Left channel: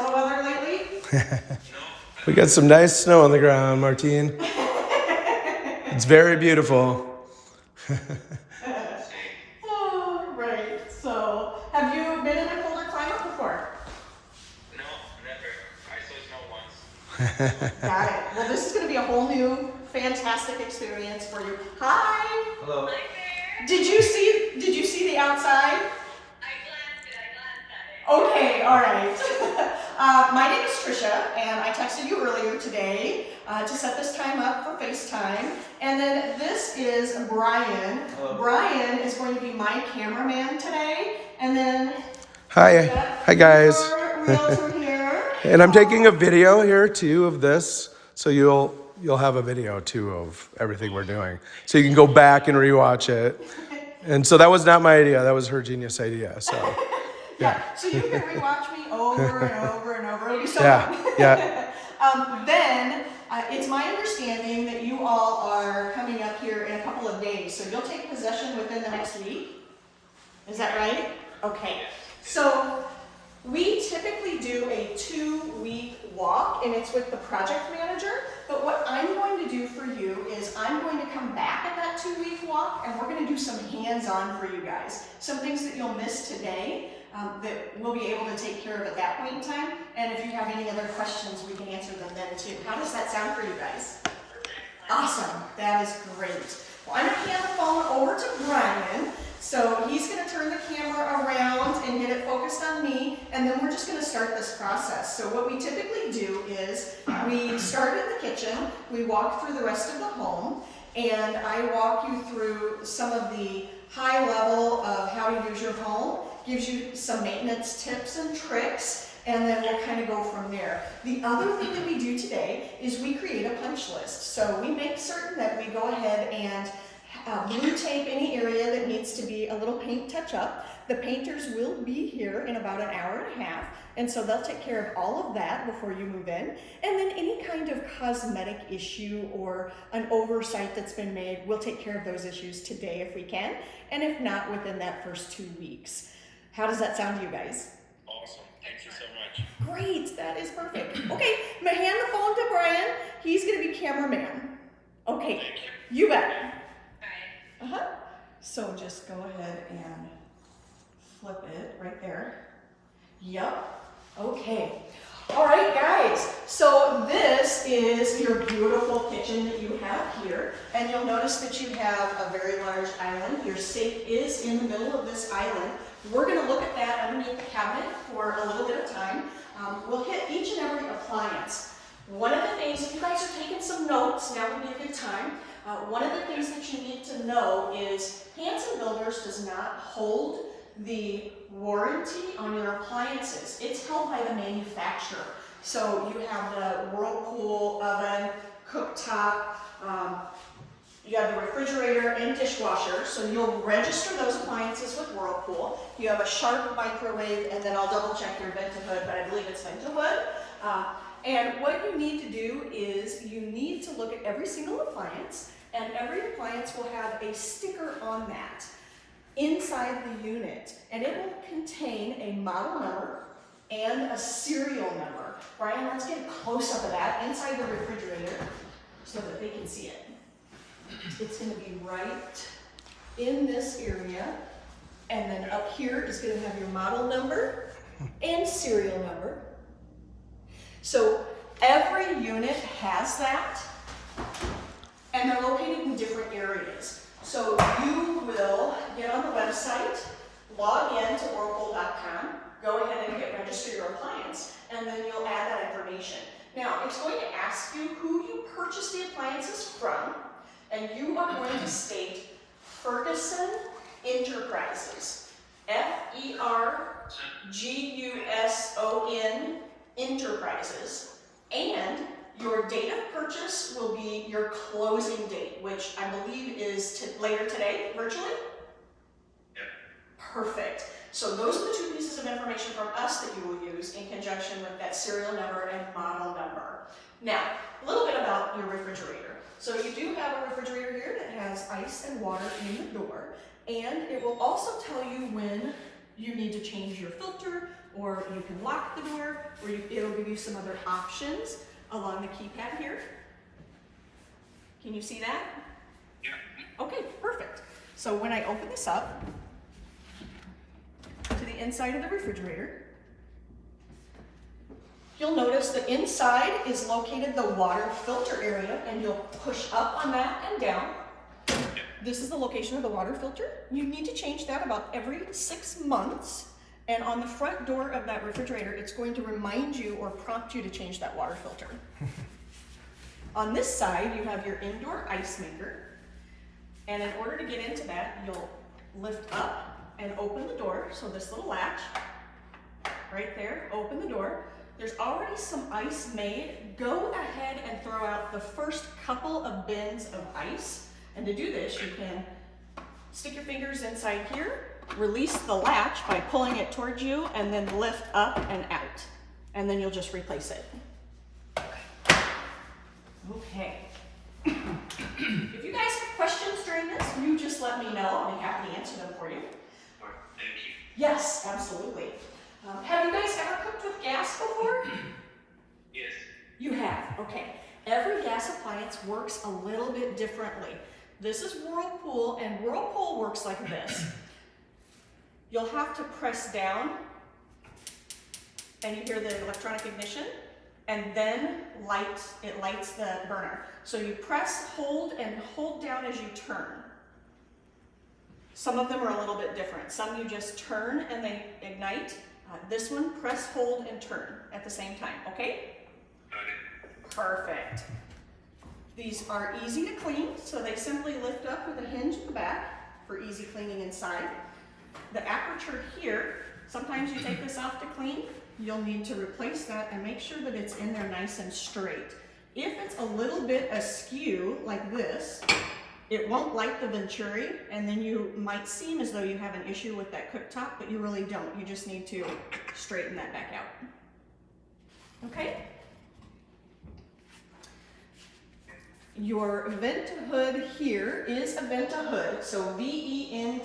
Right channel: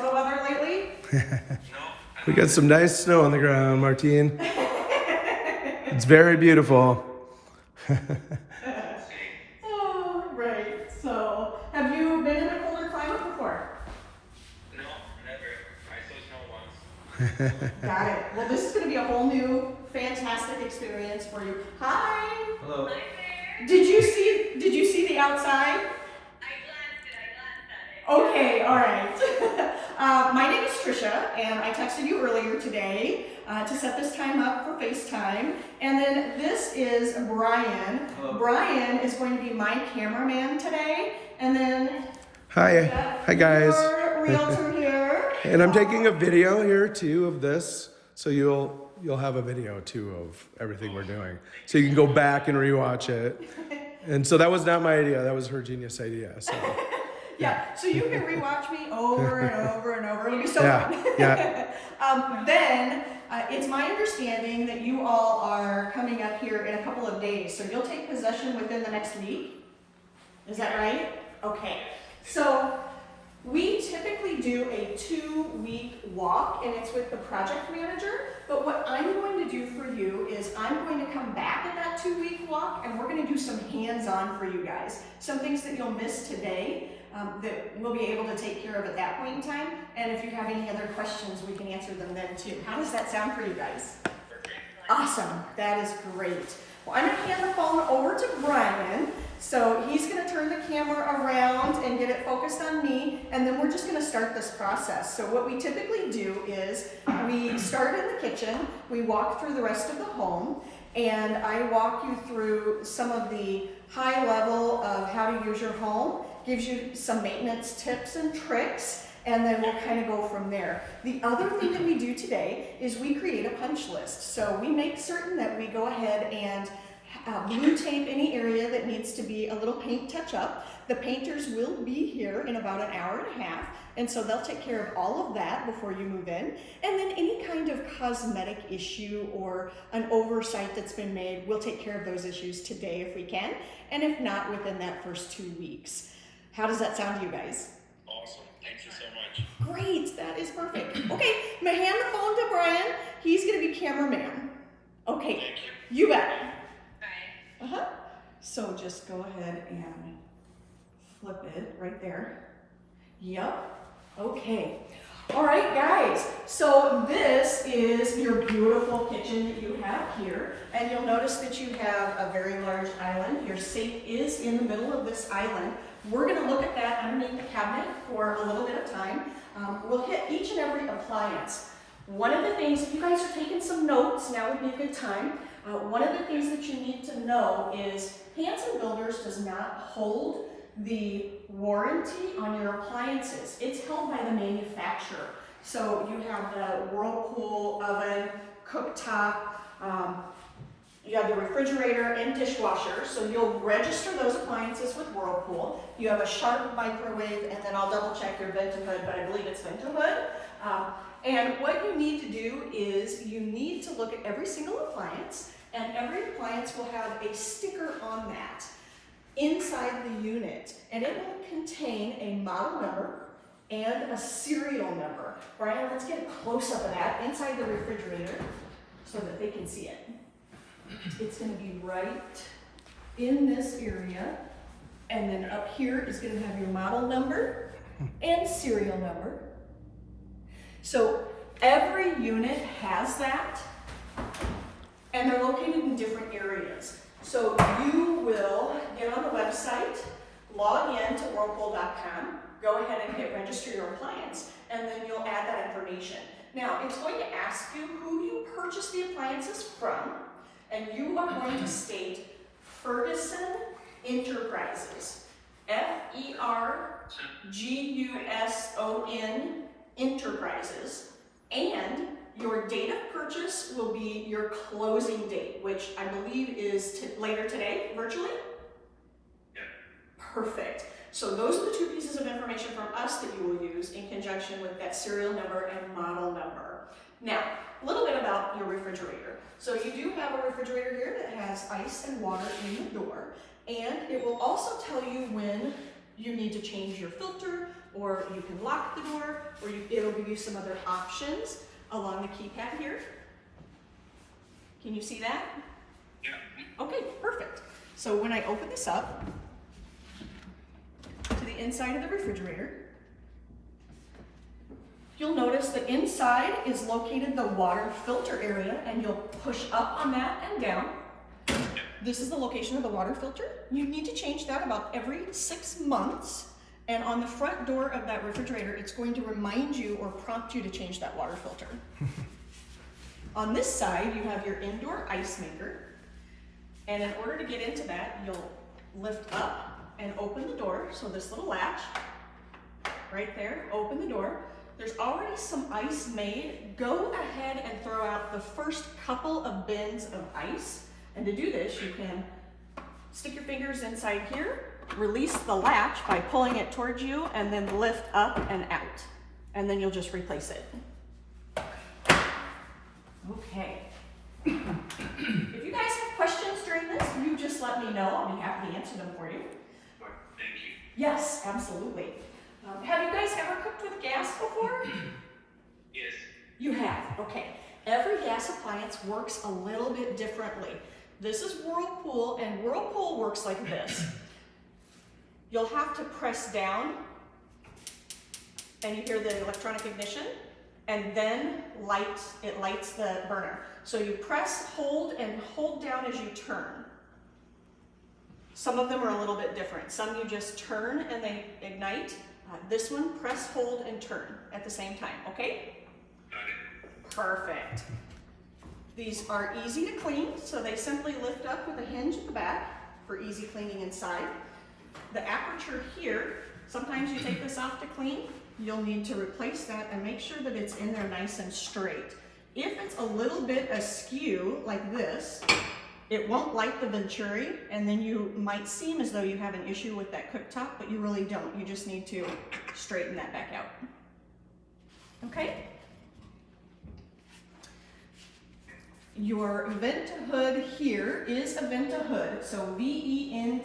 Minnesota weather lately? We got some nice snow on the ground, Martine. It's very beautiful. Oh, right. So, have you been in a colder climate before? No, never. I saw snow once. Got it. Well, this is going to be a whole new, fantastic experience for you. Hi. Hello. Hi there. Did you see the outside? I glanced at it. Okay, all right. My name is Trisha, and I texted you earlier today to set this time up for FaceTime. And then this is Brian. Hello. Brian is going to be my cameraman today. And then Hi guys. your realtor here. And I'm taking a video here too of this, so you'll have a video too of everything we're doing, so you can go back and rewatch it. And so that was not my idea; that was her genius idea. So Yeah, so you can rewatch me over and over and over. It'll be so Yeah, fun. yeah. Then it's my understanding that you all are coming up here in a couple of days. So you'll take possession within the next week. Is that right? Okay. So we typically do a 2-week walk, and it's with the project manager. But what I'm going to do for you is I'm going to come back at that 2-week walk, and we're going to do some hands-on for you guys. Some things that you'll miss today that we'll be able to take care of at that point in time. And if you have any other questions, we can answer them then too. How does that sound for you guys? Awesome. That is great. Well, I'm going to hand the phone over to Brian. So he's going to turn the camera around and get it focused on me, and then we're just going to start this process. So what we typically do is we start in the kitchen, we walk through the rest of the home, and I walk you through some of the high level of how to use your home, gives you some maintenance tips and tricks, and then we'll kind of go from there. The other thing that we do today is we create a punch list. So we make certain that we go ahead and blue tape any area that needs to be a little paint touch up. The painters will be here in about an hour and a half, and so they'll take care of all of that before you move in. And then any kind of cosmetic issue or an oversight that's been made, we'll take care of those issues today if we can, and if not, within that first 2 weeks. How does that sound to you guys? Awesome. Thank you so much. Great, that is perfect. Okay, I'm gonna hand the phone to Brian. He's gonna be cameraman. Okay, Thank you bet. Bye. So just go ahead and flip it right there. Yep. Okay. All right, guys. So this is your beautiful kitchen that you have here. And you'll notice that you have a very large island. Your safe is in the middle of this island. We're going to look at that underneath the cabinet for a little bit of time. We'll hit each and every appliance. One of the things, if you guys are taking some notes, now would be a good time. One of the things that you need to know is Hanson Builders does not hold the warranty on your appliances. It's held by the manufacturer. So you have the Whirlpool oven, cooktop, you have the refrigerator and dishwasher. So you'll register those appliances with Whirlpool. You have a Sharp microwave, and then I'll double check your vent to hood, but I believe it's vent to hood. And what you need to do is you need to look at every single appliance, and every appliance will have a sticker on that inside the unit, and it will contain a model number and a serial number. Brian, let's get a close-up of that inside the refrigerator so that they can see it. It's going to be right in this area, and then up here is going to have your model number and serial number. So every unit has that, and they're located in different areas. So you will get on the website, log in to whirlpool.com, go ahead and hit register your appliance, and then you'll add that information. Now, it's going to ask you who you purchased the appliances from, and you are going to state Ferguson Enterprises, Ferguson Enterprises, and your date of purchase will be your closing date, which I believe is later today, virtually? Yep. Perfect. So those are the two pieces of information from us that you will use in conjunction with that serial number and model number. Now, a little bit about your refrigerator. So you do have a refrigerator here that has ice and water in the door, and it will also tell you when you need to change your filter, or you can lock the door, or it'll give you some other options along the keypad here. Can you see that? Yeah. Okay, perfect. So when I open this up to the inside of the refrigerator, you'll notice that inside is located the water filter area, and you'll push up on that and down. This is the location of the water filter. You need to change that about every 6 months. And on the front door of that refrigerator, it's going to remind you or prompt you to change that water filter. On this side, you have your indoor ice maker. And in order to get into that, you'll lift up and open the door. So this little latch, right there, open the door. There's already some ice made. Go ahead and throw out the first couple of bins of ice. And to do this, you can stick your fingers inside here, release the latch by pulling it towards you, and then lift up and out. And then you'll just replace it. Okay. If you guys have questions during this, you just let me know. I'll be happy to answer them for you. Thank you. Yes, absolutely. Have you guys ever cooked with gas before? Yes. You have, okay. Every gas appliance works a little bit differently. This is Whirlpool, and Whirlpool works like this. You'll have to press down, and you hear the electronic ignition, and then it lights the burner. So you press, hold, and hold down as you turn. Some of them are a little bit different. Some you just turn and they ignite. This one, press, hold, and turn at the same time, okay? Got it. Perfect. These are easy to clean, so they simply lift up with a hinge at the back for easy cleaning inside. The aperture here, sometimes you take this off to clean, you'll need to replace that and make sure that it's in there nice and straight. If it's a little bit askew like this, it won't light the venturi, and then you might seem as though you have an issue with that cooktop, but you really don't. You just need to straighten that back out. Okay? Your vent hood here is a vent hood, so VENT-A-HOOD,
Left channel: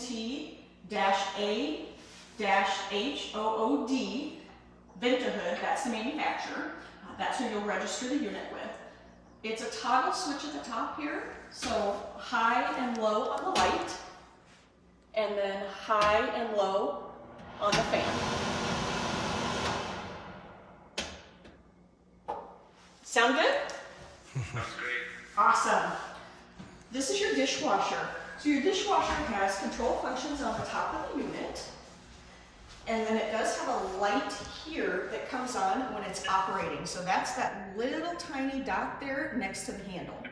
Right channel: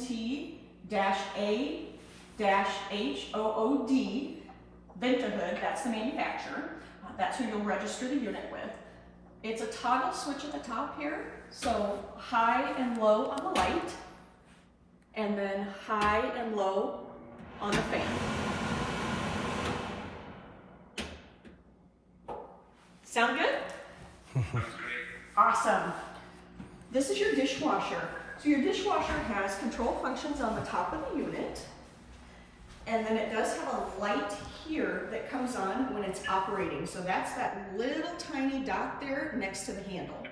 vent hood, that's the manufacturer. That's who you'll register the unit with. It's a toggle switch at the top here, so high and low on the light, and then high and low on the fan. Sound good? Sounds great. Awesome. This is your dishwasher. So your dishwasher has control functions on the top of the unit, and then it does have a light here that comes on when it's operating. So that's that little tiny dot there next to the handle.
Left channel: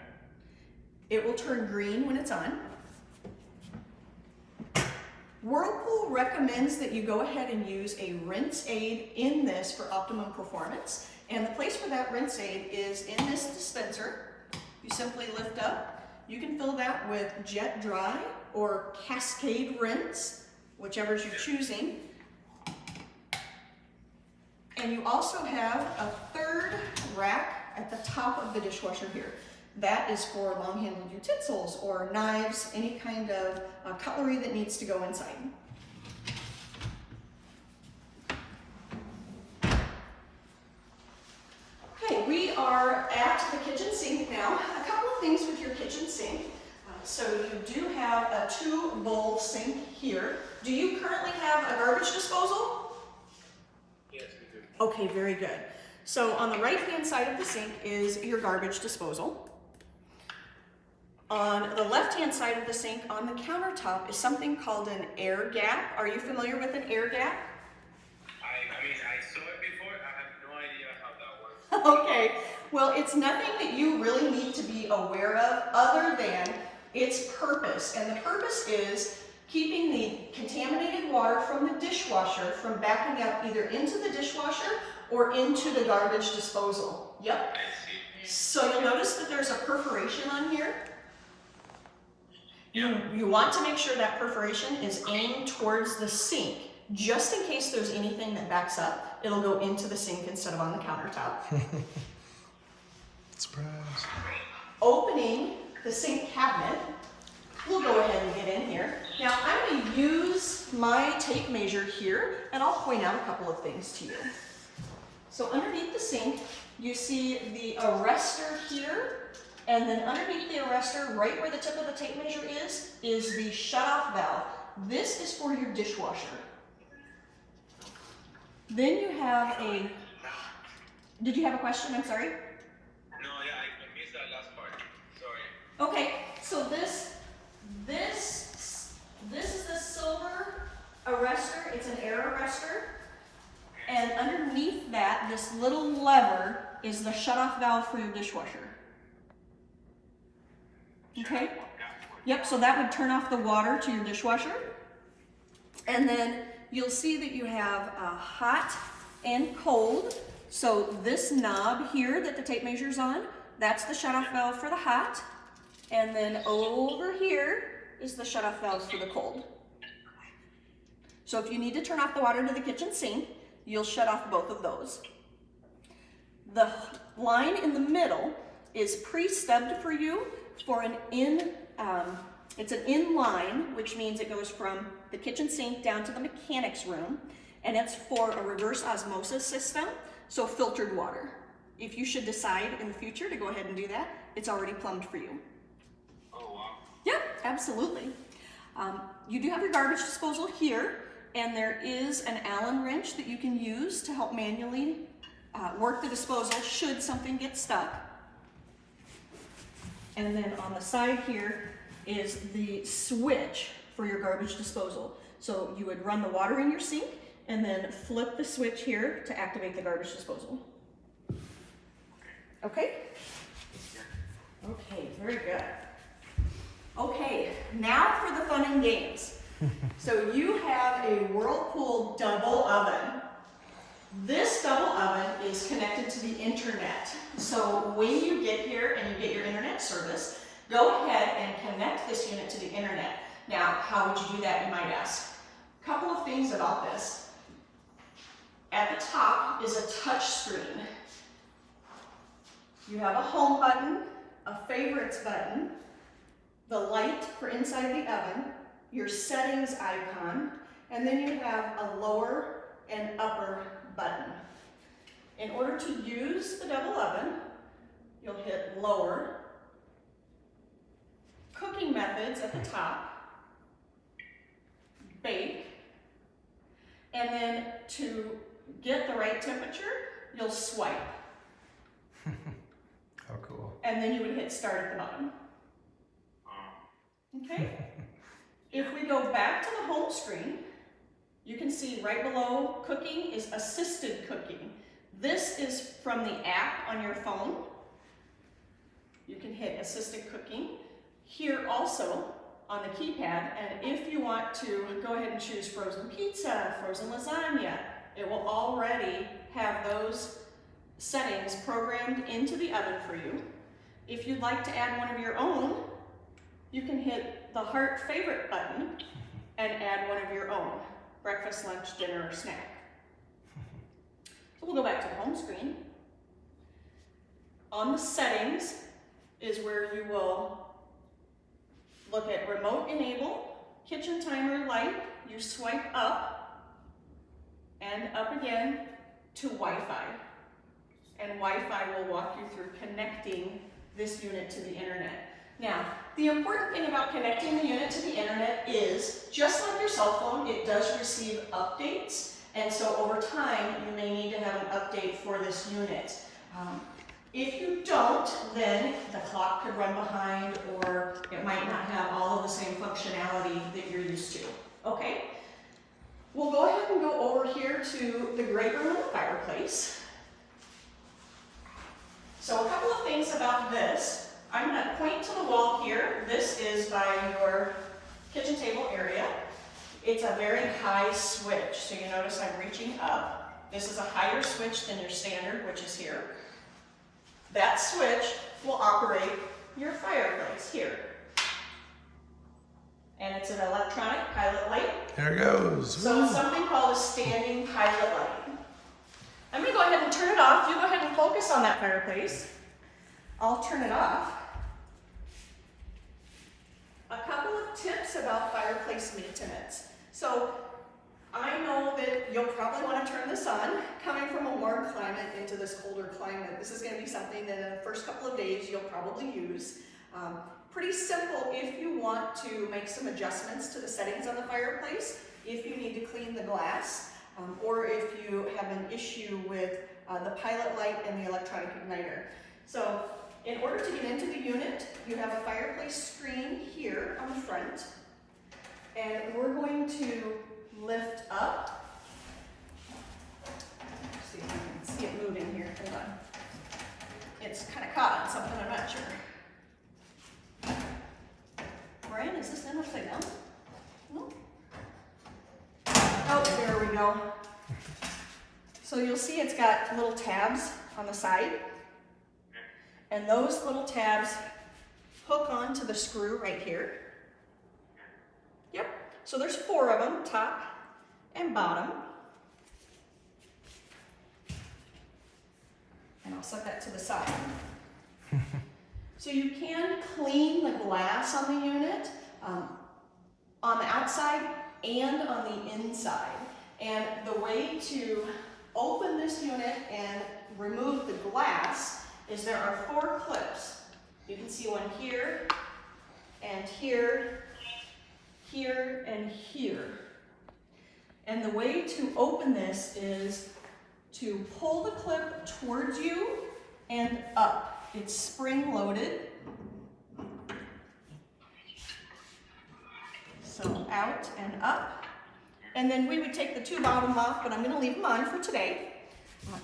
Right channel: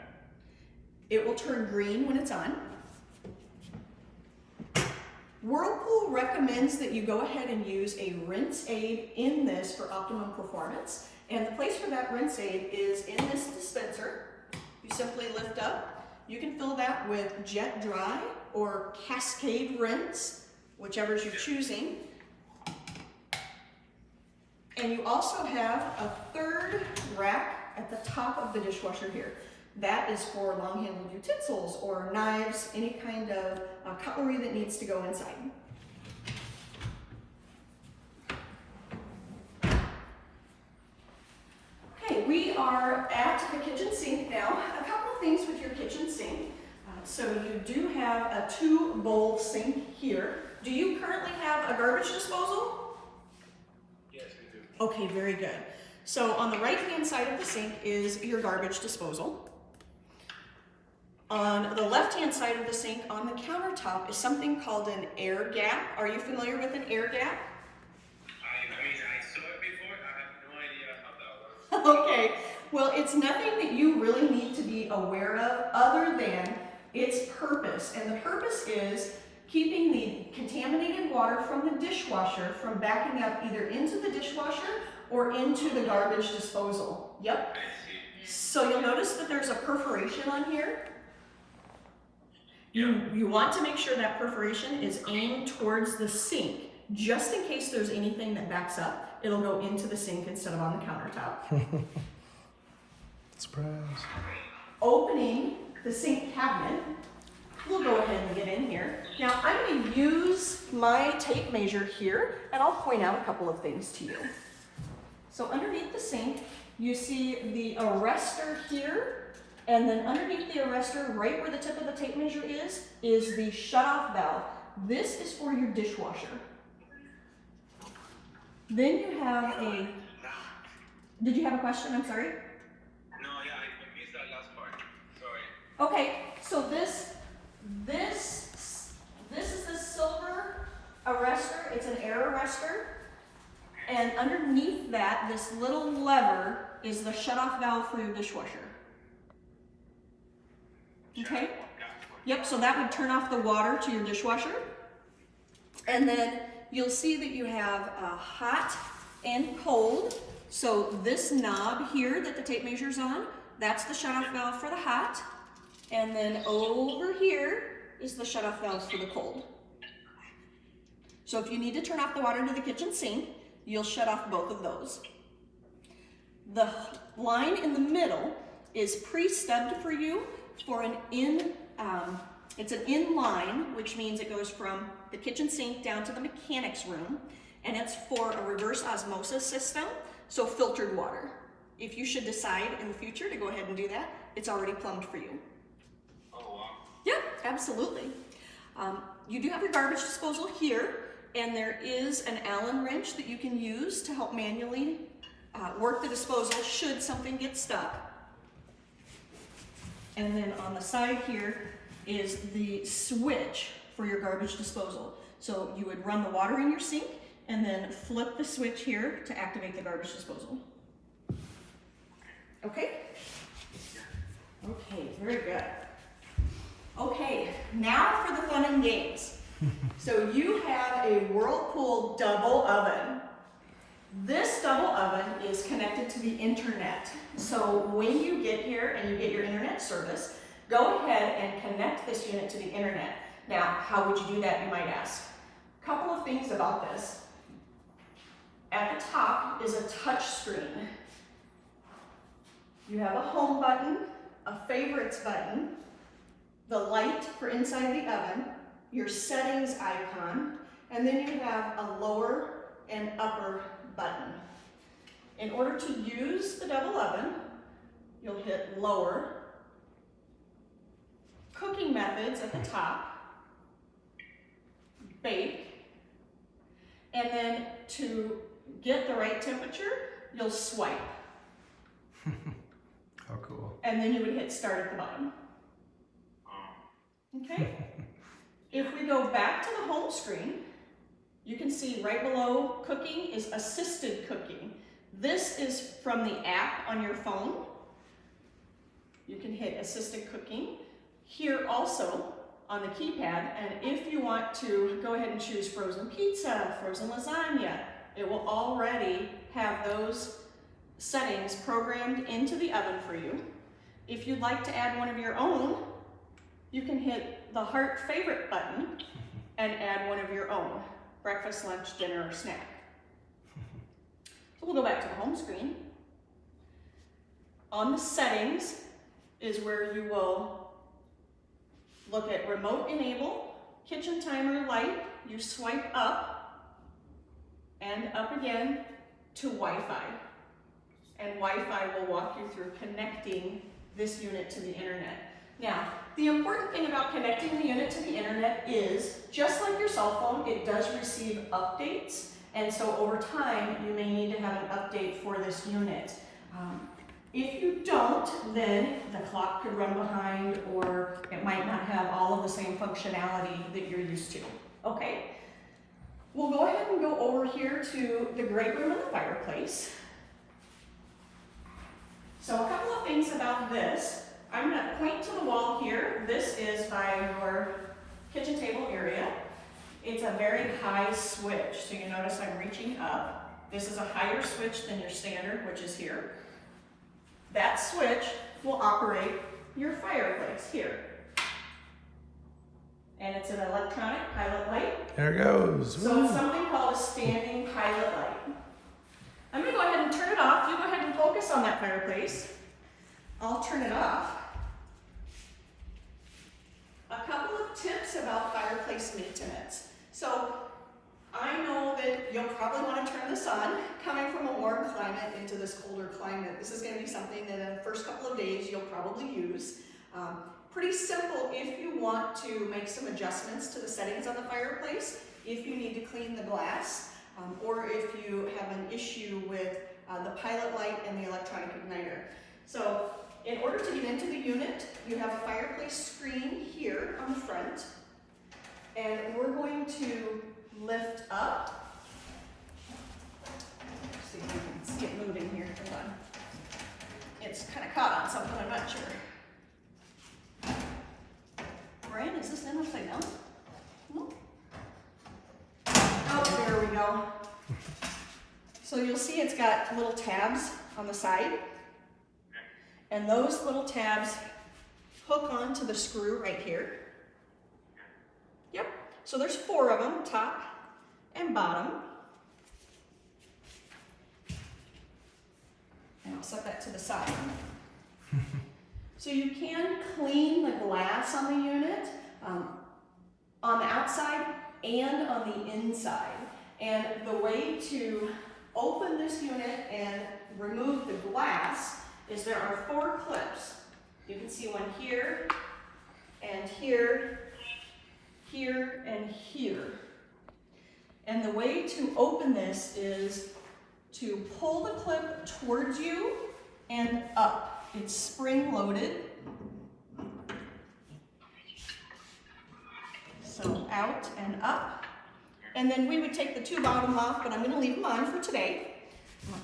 It will turn green when it's on. Whirlpool recommends that you go ahead and use a rinse aid in this for optimum performance. And the place for that rinse aid is in this dispenser. You simply lift up. You can fill that with Jet Dry or Cascade Rinse, whichever you're choosing. And you also have a third rack at the top of the dishwasher here. That is for long-handled utensils or knives, any kind of cutlery that needs to go inside. Okay, we are at the kitchen sink now. A couple of things with your kitchen sink. So you do have a 2-bowl sink here. Do you currently have a garbage disposal? Yes, we do. Okay, very good. So on the right-hand side of the sink is your garbage disposal. On the left-hand side of the sink on the countertop is something called an air gap. Are you familiar with an air gap? I saw it before. I have no idea how that works. Okay, well, it's nothing that you really need to be aware of other than its purpose. And the purpose is keeping the contaminated water from the dishwasher from backing up either into the dishwasher or into the garbage disposal. Yep. I see. So you'll notice that there's a perforation on here. You want to make sure that perforation is aimed towards the sink. Just in case there's anything that backs up, it'll go into the sink instead of on the countertop. Surprise. Opening the sink cabinet, we'll go ahead and get in here. Now I'm going to use my tape measure here, and I'll point out a couple of things to you. So underneath the sink, you see the arrestor here, and then underneath the arrestor, right where the tip of the tape measure is the shut-off valve. This is for your dishwasher. Then you have a, did you have a question? I'm sorry? No, yeah, I missed that last part. Sorry. Okay, so this is the silver arrestor. It's an air arrestor. And underneath that, this little lever is the shut-off valve for your dishwasher. Okay? Yep, so that would turn off the water to your dishwasher. And then you'll see that you have hot and cold. So this knob here that the tape measure's on, that's the shut-off valve for the hot. And then over here is the shut-off valve for the cold. So if you need to turn off the water to the kitchen sink, you'll shut off both of those. The line in the middle is pre-stubbed for you for an it's an in line, which means it goes from the kitchen sink down to the mechanics room, and it's for a reverse osmosis system, so filtered water. If you should decide in the future to go ahead and do that, it's already plumbed for you. Oh, wow. Yeah, absolutely. You do have your garbage disposal here, and there is an Allen wrench that you can use to help manually work the disposal should something get stuck. And then on the side here is the switch for your garbage disposal. So you would run the water in your sink and then flip the switch here to activate the garbage disposal. Okay? Okay, very good. Okay, now for the fun and games. So you have a Whirlpool double oven. This double oven is connected to the internet. So when you get here and you get your internet service, go ahead and connect this unit to the internet. Now, how would you do that, you might ask? A couple of things about this. At the top is a touch screen. You have a home button, a favorites button, the light for inside the oven, your settings icon, and then you have a lower and upper button. In order to use the double oven, you'll hit lower, cooking methods at the top, bake, and then to get the right temperature, you'll swipe. Oh, cool. And then you would hit start at the bottom. Okay? If we go back to the home screen, you can see right below cooking is assisted cooking. This is from the app on your phone. You can hit assisted cooking. Here also on the keypad, and if you want to go ahead and choose frozen pizza, frozen lasagna, it will already have those settings programmed into the oven for you. If you'd like to add one of your own, you can hit the heart favorite button and add one of your own, breakfast, lunch, dinner, or snack. So we'll go back to the home screen. On the settings is where you will look at remote enable, kitchen timer light, you swipe up and up again to Wi-Fi. And Wi-Fi will walk you through connecting this unit to the internet. Now, the important thing about connecting the unit to the internet is, just like your cell phone, it does receive updates, and so over time, you may need to have an update for this unit. If you don't, then the clock could run behind, or it might not have all of the same functionality that you're used to. Okay? We'll go ahead and go over here to the great room and the fireplace. So a couple of things about this. I'm going to point to the wall here. This is by your kitchen table area. It's a very high switch, so you notice I'm reaching up. This is a higher switch than your standard, which is here. That switch will operate your fireplace here. And it's an electronic pilot light. There it goes. So it's something called a standing pilot light. I'm going to go ahead and turn it off. You go ahead and focus on that fireplace. I'll turn it off. A couple of tips about fireplace maintenance. So I know that you'll probably want to turn this on. Coming from a warm climate into this colder climate, this is going to be something that in the first couple of days you'll probably use. Pretty simple if you want to make some adjustments to the settings on the fireplace, if you need to clean the glass, or if you have an issue with the pilot light and the electronic igniter. So in order to get into the unit, you have a fireplace screen here on the front, and we're going to lift up. Let's see if you can see it moving here. Hold on. It's kind of caught on something, I'm not sure. Brian, is this in upside down? No? Oh, there we go. So you'll see it's got little tabs on the side. And those little tabs hook onto the screw right here. Yep. So there's 4 of them, top and bottom. And I'll set that to the side. So you can clean the glass on the unit, on the outside and on the inside. And the way to open this unit and remove the glass is there are 4 clips. You can see one here, and here, here, and here. And the way to open this is to pull the clip towards you and up. It's spring loaded. So out and up. And then we would take the 2 bottom off, but I'm gonna leave them on for today.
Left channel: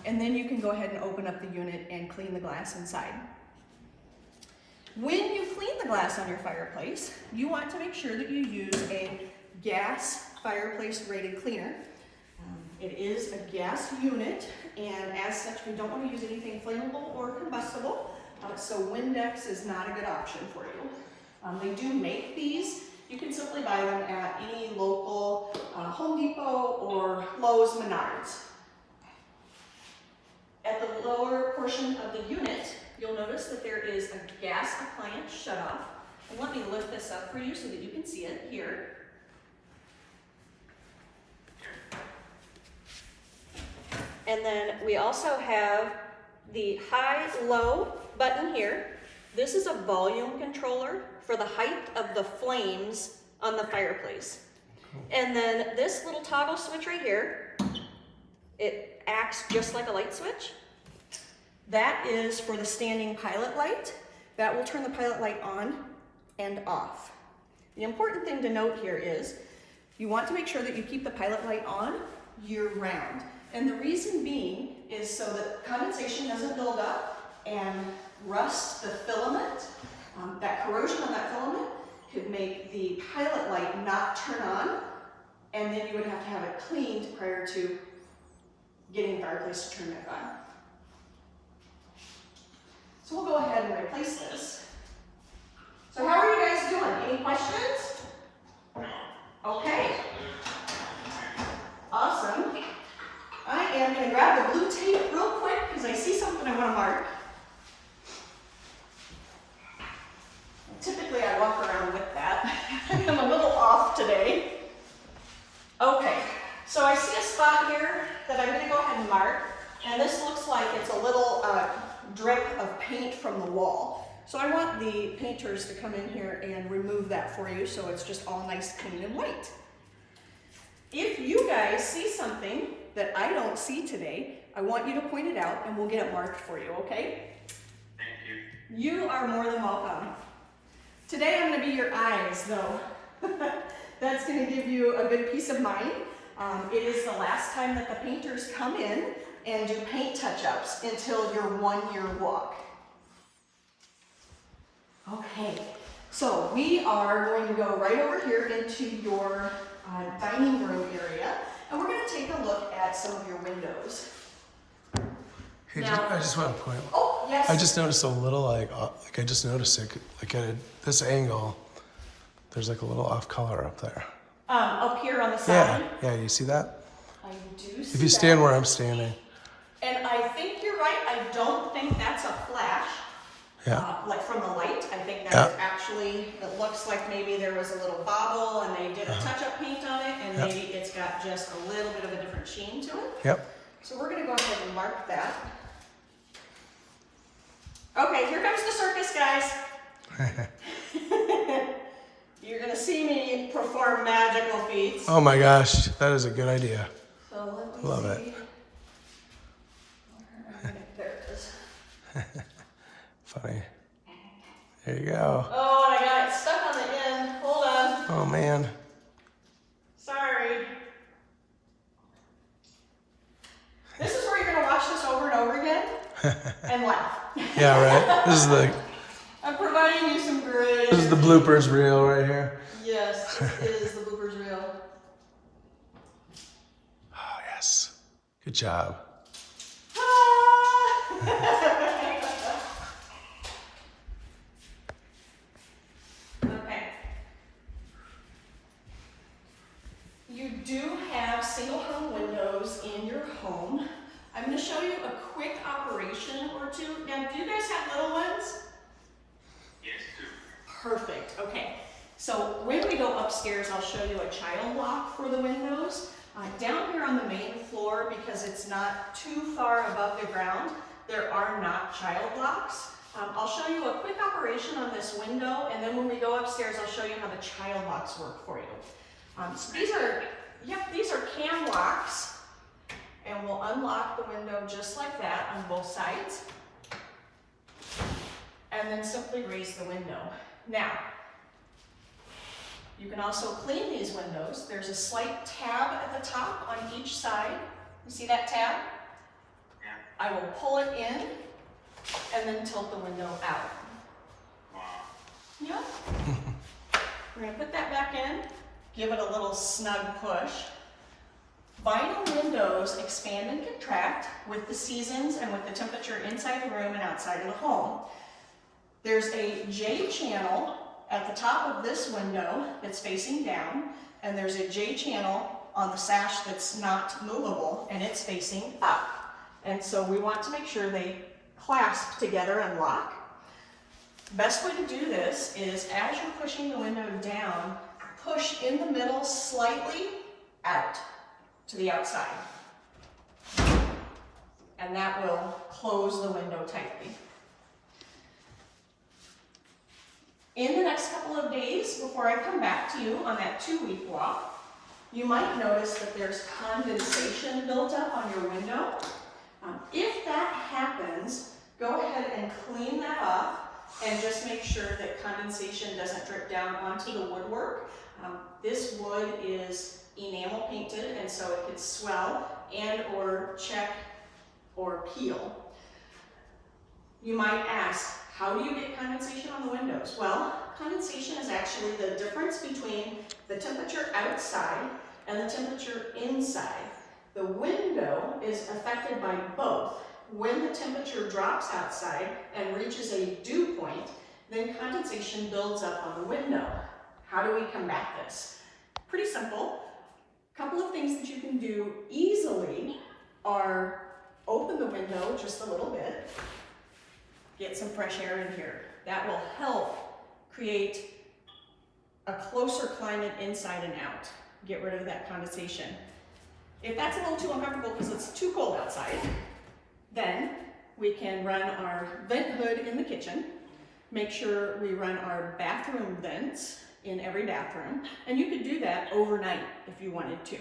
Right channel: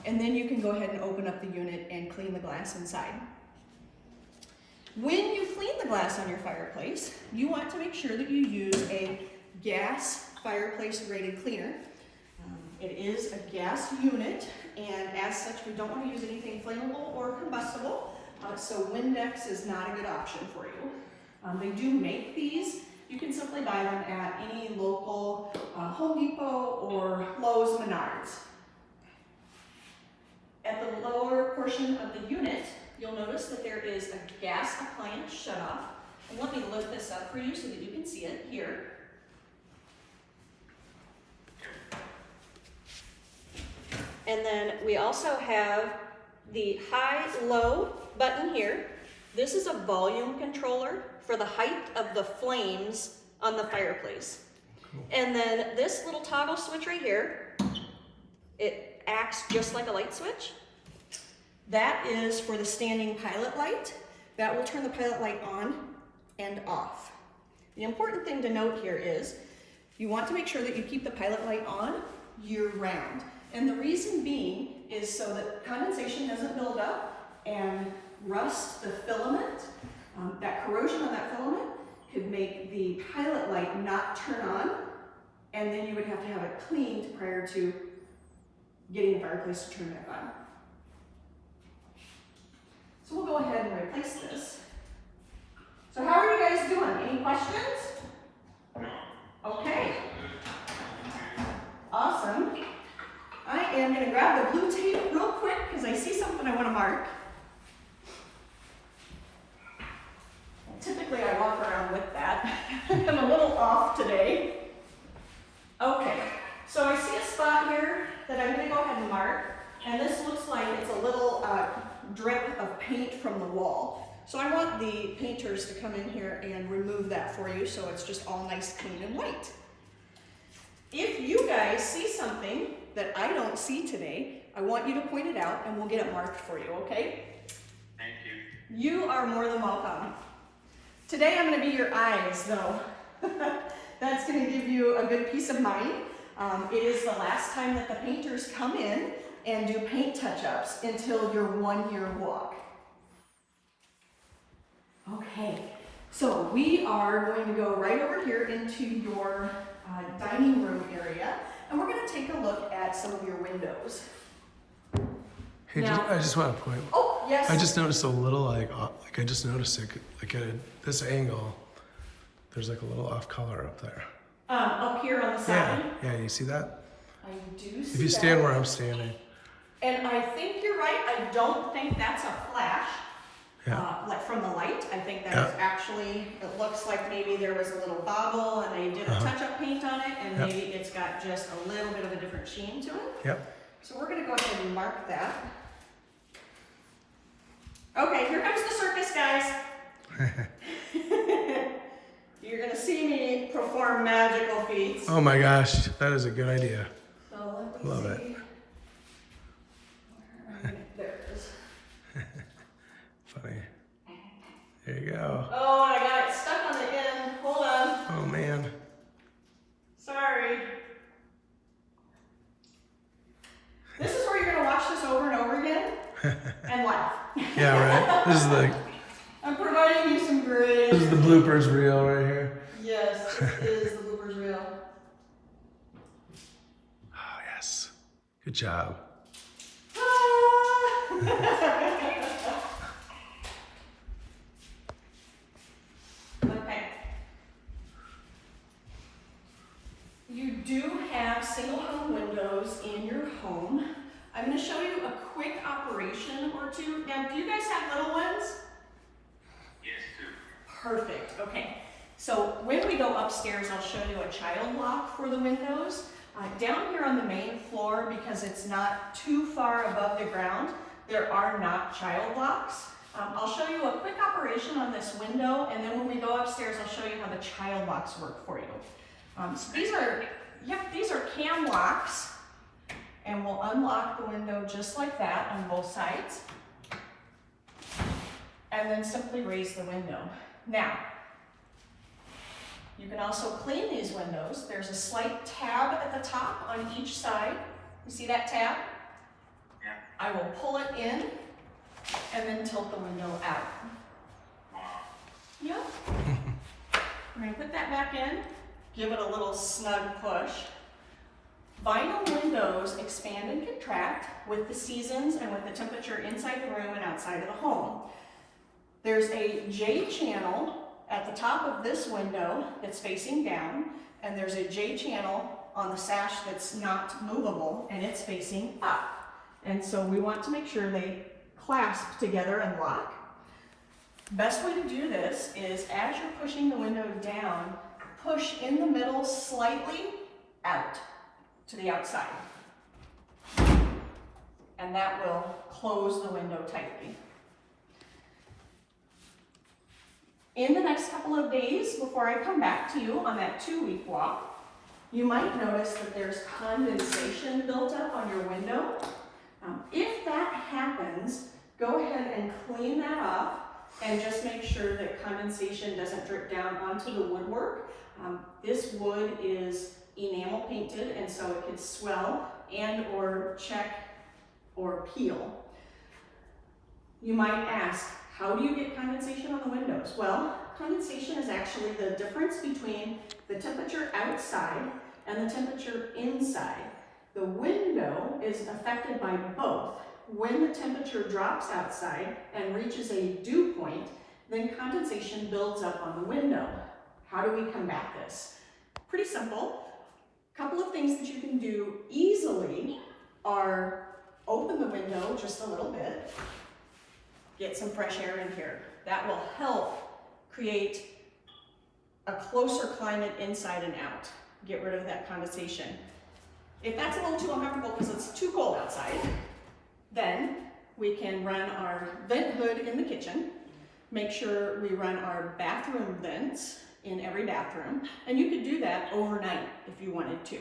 And then you can go ahead and open up the unit and clean the glass inside. When you clean the glass on your fireplace, you want to make sure that you use a gas fireplace rated cleaner. It is a gas unit, and as such, we don't want to use anything flammable or combustible, so Windex is not a good option for you. They do make these. You can simply buy them at any local Home Depot or Lowe's, Menards. At the lower portion of the unit, you'll notice that there is a gas appliance shutoff. And let me lift this up for you so that you can see it here. And then we also have the high-low button here. This is a volume controller for the height of the flames on the fireplace. And then this little toggle switch right here, it acts just like a light switch. That is for the standing pilot light. That will turn the pilot light on and off. The important thing to note here is you want to make sure that you keep the pilot light on year-round. And the reason being is so that condensation doesn't build up and rust the filament. That corrosion on that filament could make the pilot light not turn on, and then you would have to have it cleaned prior to getting the fireplace to turn back on. So we'll go ahead and replace this. So how are you guys doing? Any questions? Okay. Awesome. I am going to grab the blue tape real quick because I see something I want to mark. Typically I walk around with that. I'm a little off today. Okay, so I see a spot here that I'm going to go ahead and mark, and this looks like it's a little drip of paint from the wall. So I want the painters to come in here and remove that for you so it's just all nice, clean, and white. If you guys see something that I don't see today, I want you to point it out and we'll get it marked for you, okay? Thank you. You are more than welcome. Today I'm going to be your eyes, though. That's going to give you a good peace of mind. It is the last time that the painters come in and do paint touch-ups until your 1-year walk. Okay, so we are going to go right over here into your dining room area, and we're going to take a look at some of your windows. Hey, Now- I just want to point. Oh, yes. I just noticed a little like I just noticed it like at this angle. There's like a little off color up there. Up here on the Yeah, side. yeah. You see that? I do see If you stand that. where I'm standing. And I think you're right. I don't think that's a flash. like from the light. I think that Yeah. is actually, it looks like maybe there was a little bobble and they did a touch-up paint on it, and maybe it's got just a little bit of a different sheen to it. Yep. So we're gonna go ahead and mark that. Okay, here comes the circus, guys. You're gonna see me perform magical feats. Oh my gosh, that is a good idea. So let me Love it. see. There it is. Funny. There you go. Oh, and I got it stuck on the end. Hold on. Oh man. Sorry. This is where you're gonna watch this over and over again and laugh. Yeah, right. I'm providing you some great. This is the bloopers reel right here. Yes, this is the bloopers reel. Oh yes. Good job. Okay. You do have single hung windows in your home. I'm going to show you a quick operation or two. Now, do you guys have little ones? Yes, too. Perfect. Okay. So when we go upstairs, I'll show you a child lock for the windows. Down here on the main floor, because it's not too far above the ground, there are not child locks. I'll show you a quick operation on this window, and then when we go upstairs, I'll show you how the child locks work for you. So these are cam locks, and we'll unlock the window just like that on both sides, and then simply raise the window. Now, you can also clean these windows. There's a slight tab at the top on each side. You see that tab? Yeah. I will pull it in and then tilt the window out. Yep. We're going to put that back in, give it a little snug push. Vinyl windows expand and contract with the seasons and with the temperature inside the room and outside of the home. There's a J channel at the top of this window that's facing down, and there's a J channel on the sash that's not movable and it's facing up. And so we want to make sure they clasp together and lock. Best way to do this is as you're pushing the window down, push in the middle slightly out to the outside. And that will close the window tightly. In the next couple of days, before I come back to you on that 2-week walk, you might notice that there's condensation built up on your window. If that happens, go ahead and clean that off and just make sure that condensation doesn't drip down onto the woodwork. This wood is enamel painted, and so it could swell and or check or peel. You might ask, how do you get condensation on the windows? Well, condensation is actually the difference between the temperature outside and the temperature inside. The window is affected by both. When the temperature drops outside and reaches a dew point, then condensation builds up on the window. How do we combat this? Pretty simple. A couple of things that you can do easily are open the window just a little bit. Get some fresh air in here. That will help create a closer climate inside and out. Get rid of that condensation. If that's a little too uncomfortable because it's too cold outside, then we can run our vent hood in the kitchen. Make sure we run our bathroom vents in every bathroom, and you could do that overnight if you wanted to.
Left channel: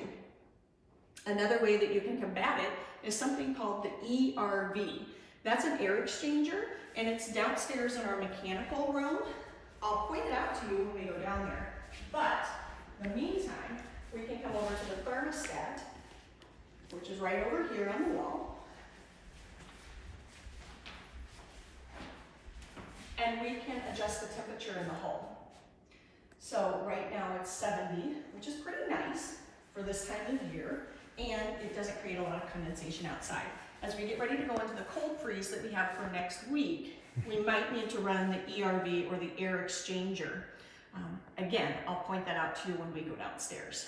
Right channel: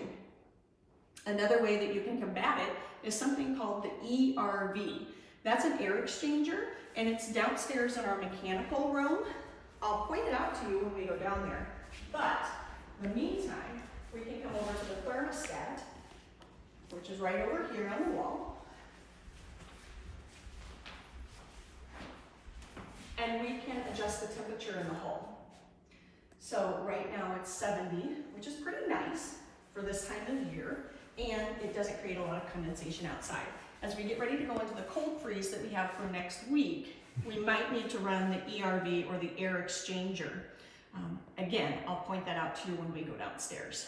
Another way that you can combat it is something called the ERV. That's an air exchanger, and it's downstairs in our mechanical room. I'll point it out to you when we go down there. But in the meantime, we can come over to the thermostat, which is right over here on the wall. And we can adjust the temperature in the home. So right now it's 70, which is pretty nice for this time of year, and it doesn't create a lot of condensation outside. As we get ready to go into the cold freeze that we have for next week, we might need to run the ERV or the air exchanger. Again, I'll point that out to you when we go downstairs.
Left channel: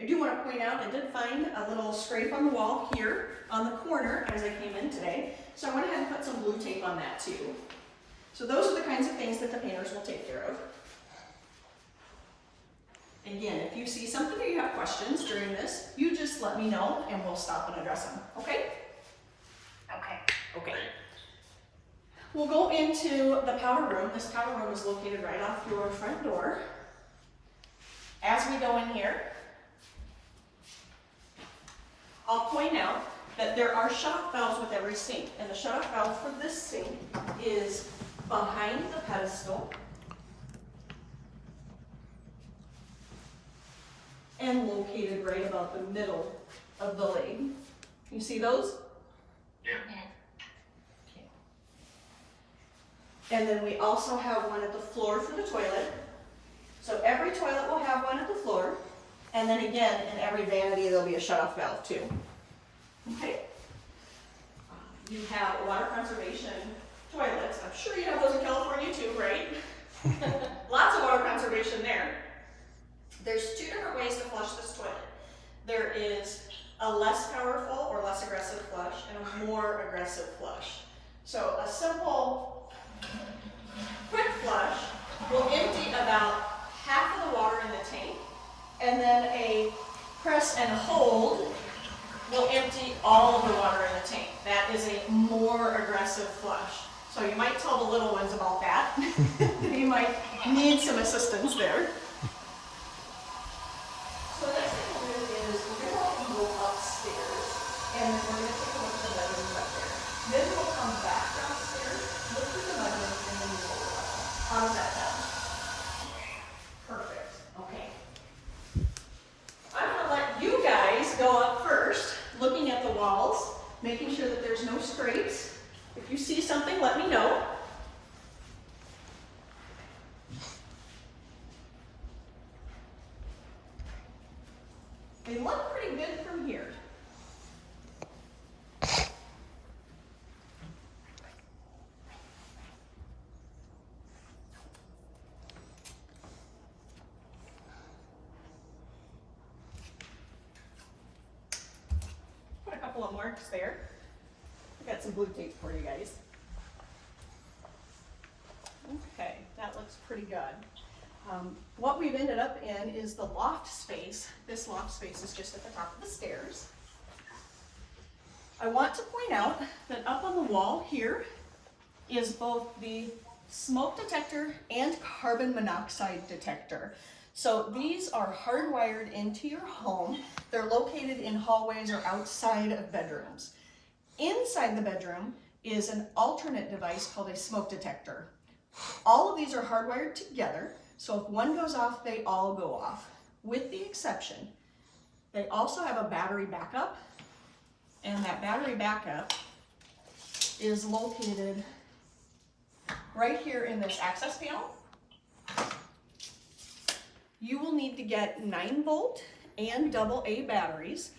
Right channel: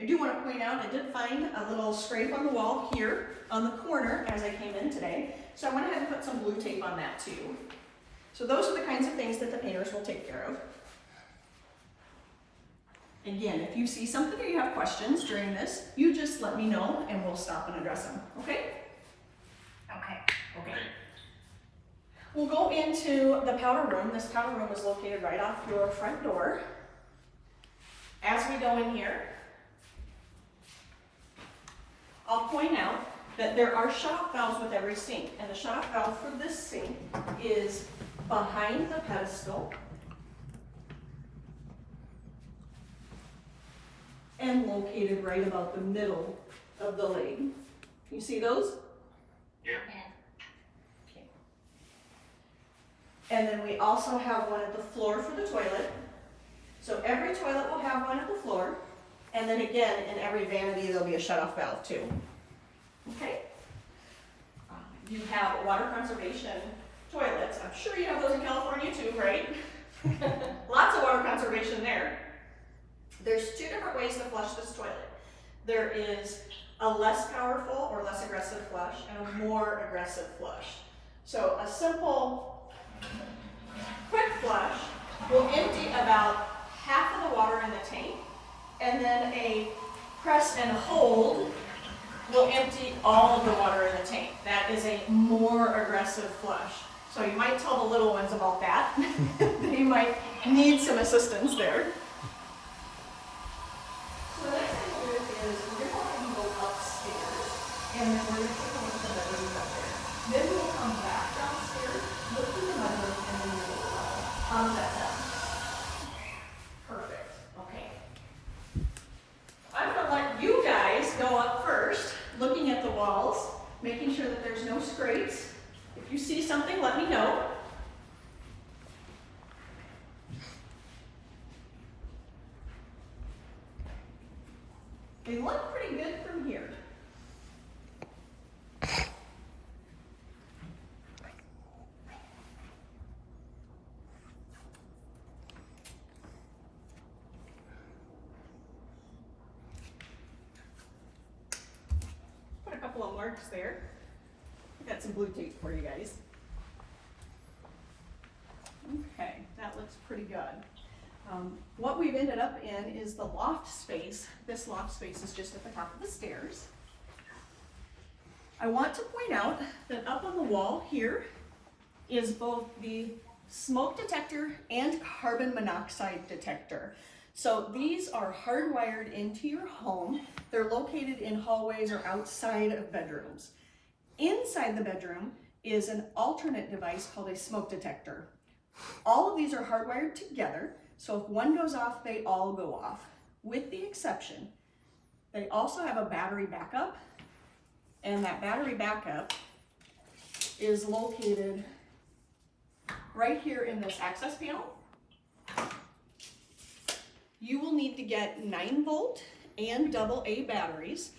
I do want to point out, I did find a little scrape on the wall here on the corner as I came in today. So I went ahead and put some blue tape on that too. So those are the kinds of things that the painters will take care of. Again, if you see something or you have questions during this, you just let me know and we'll stop and address them, okay? Okay. Okay. We'll go into the powder room. This powder room is located right off your front door. As we go in here, I'll point out that there are shut-off valves with every sink, and the shut-off valve for this sink is behind the pedestal and located right about the middle of the leg. You see those? Yeah. Okay. And then we also have one at the floor for the toilet. So every toilet will have one at the floor. And then again, in every vanity, there'll be a shut-off valve too. Okay? You have water conservation toilets. I'm sure you have those in California too, right? Lots of water conservation there. There's two different ways to flush this toilet. There is a less powerful or less aggressive flush and a more aggressive flush. So a simple, quick flush will empty about half of the water in the tank, and then a press and hold will empty all of the water in the tank. That is a more aggressive flush. So you might tell the little ones about that. You might need some assistance there. So the next thing we'll do is we're going to go upstairs, and then we're going to take a look at the bedroom up there. Then we'll come back downstairs, look at the bedroom, and then we'll go up. How does that sound? Perfect. Okay. I'm going to let you guys go up first, looking at the walls, making sure that there's no scrapes. If you see something, let me know. They look pretty good from here. Put a couple of marks there. I got some blue tape for you guys. Okay, that looks pretty good. What we've ended up in is the loft space. This loft space is just at the top of the stairs. I want to point out that up on the wall here is both the smoke detector and carbon monoxide detector. So these are hardwired into your home. They're located in hallways or outside of bedrooms. Inside the bedroom is an alternate device called a smoke detector. All of these are hardwired together, so if one goes off, they all go off, with the exception. They also have a battery backup, and that battery backup is located right here in this access panel. You will need to get 9-volt and AA batteries.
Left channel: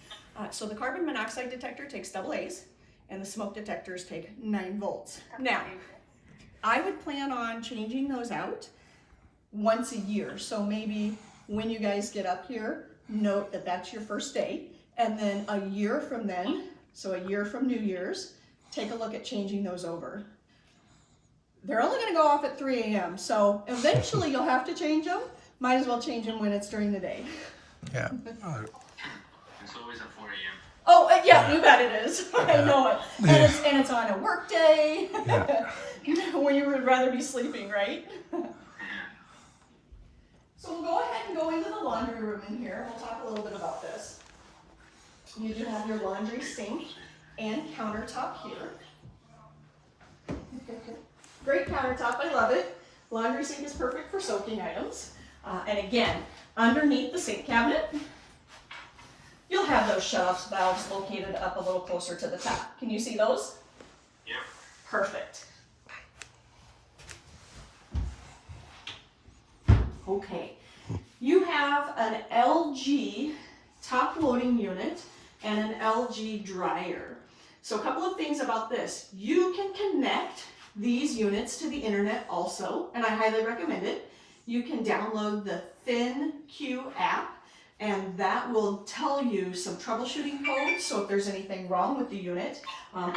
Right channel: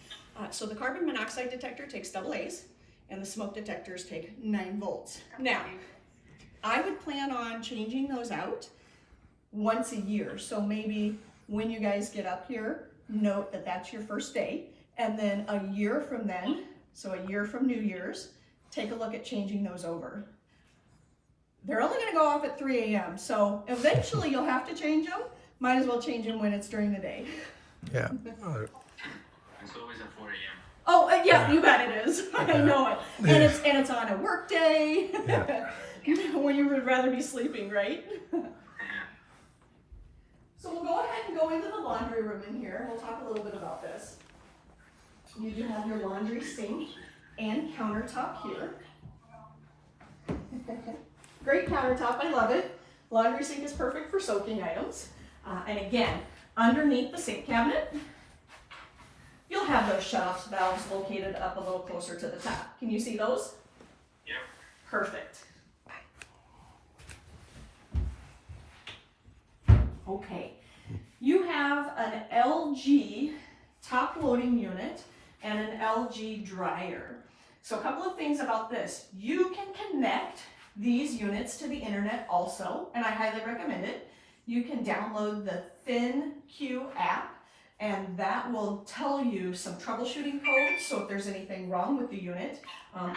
So the carbon monoxide detector takes AA's, and the smoke detectors take 9 volts. Now, I would plan on changing those out once a year. So maybe when you guys get up here, note that that's your first day. And then a year from then, so a year from New Year's, take a look at changing those over. They're only gonna go off at 3 a.m. So eventually you'll have to change them. Might as well change them when it's during the day. Yeah. It's always at 4 a.m. Oh, yeah, you bet it is. I know it. And it's on a work day. Yeah. When you would rather be sleeping, right? So we'll go ahead and go into the laundry room in here. We'll talk a little bit about this. You do have your laundry sink and countertop here. Great countertop, I love it. Laundry sink is perfect for soaking items. And again, underneath the sink cabinet, you'll have those shut-off valves located up a little closer to the top. Can you see those? Yep. Perfect. Okay. You have an LG top loading unit and an LG dryer. So a couple of things about this. You can connect these units to the internet also, and I highly recommend it. You can download the ThinQ app, and that will tell you some troubleshooting codes, so if there's anything wrong with the unit.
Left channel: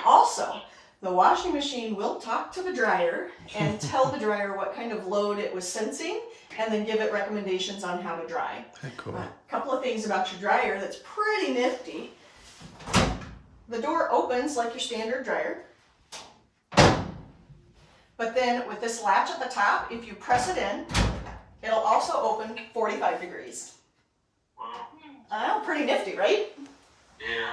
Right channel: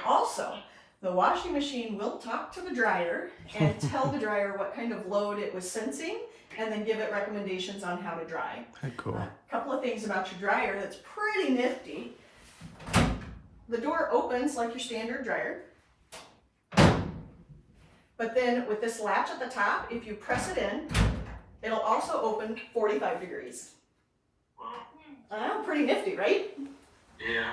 Also, The washing machine will talk to the dryer and tell the dryer what kind of load it was sensing and then give it recommendations on how to dry. Cool. A couple of things about your dryer that's pretty nifty. The door opens like your standard dryer. But then with this latch at the top, if you press it in, it'll also open 45 degrees. Wow. Pretty nifty, right? Yeah.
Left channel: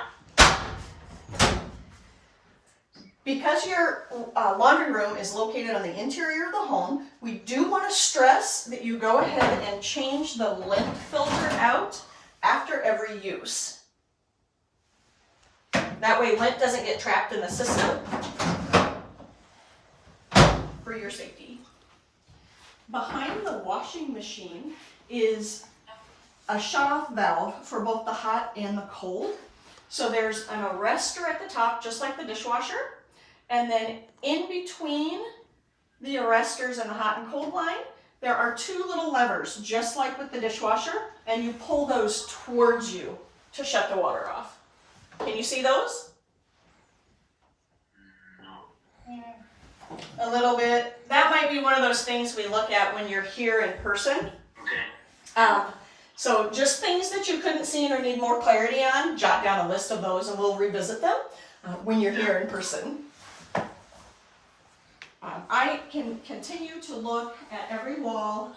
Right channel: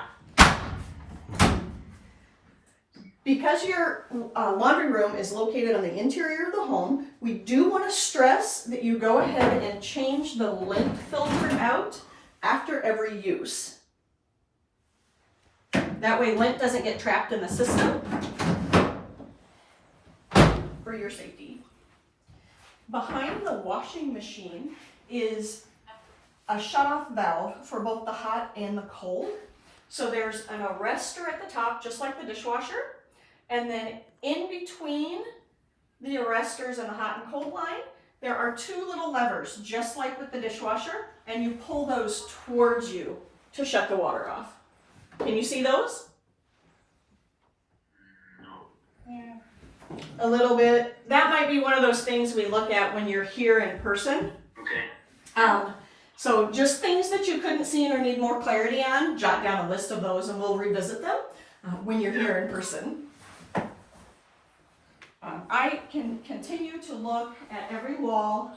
Because your laundry room is located on the interior of the home, we do want to stress that you go ahead and change the lint filter out after every use. That way lint doesn't get trapped in the system for your safety. Behind the washing machine is a shut-off valve for both the hot and the cold. So there's an arrestor at the top, just like the dishwasher. And then in between the arresters and the hot and cold line, there are two little levers, just like with the dishwasher, and you pull those towards you to shut the water off. Can you see those? No. A little bit. That might be one of those things we look at when you're here in person. Okay. So just things that you couldn't see or need more clarity on, jot down a list of those and we'll revisit them when you're here in person. I can continue to look at every wall,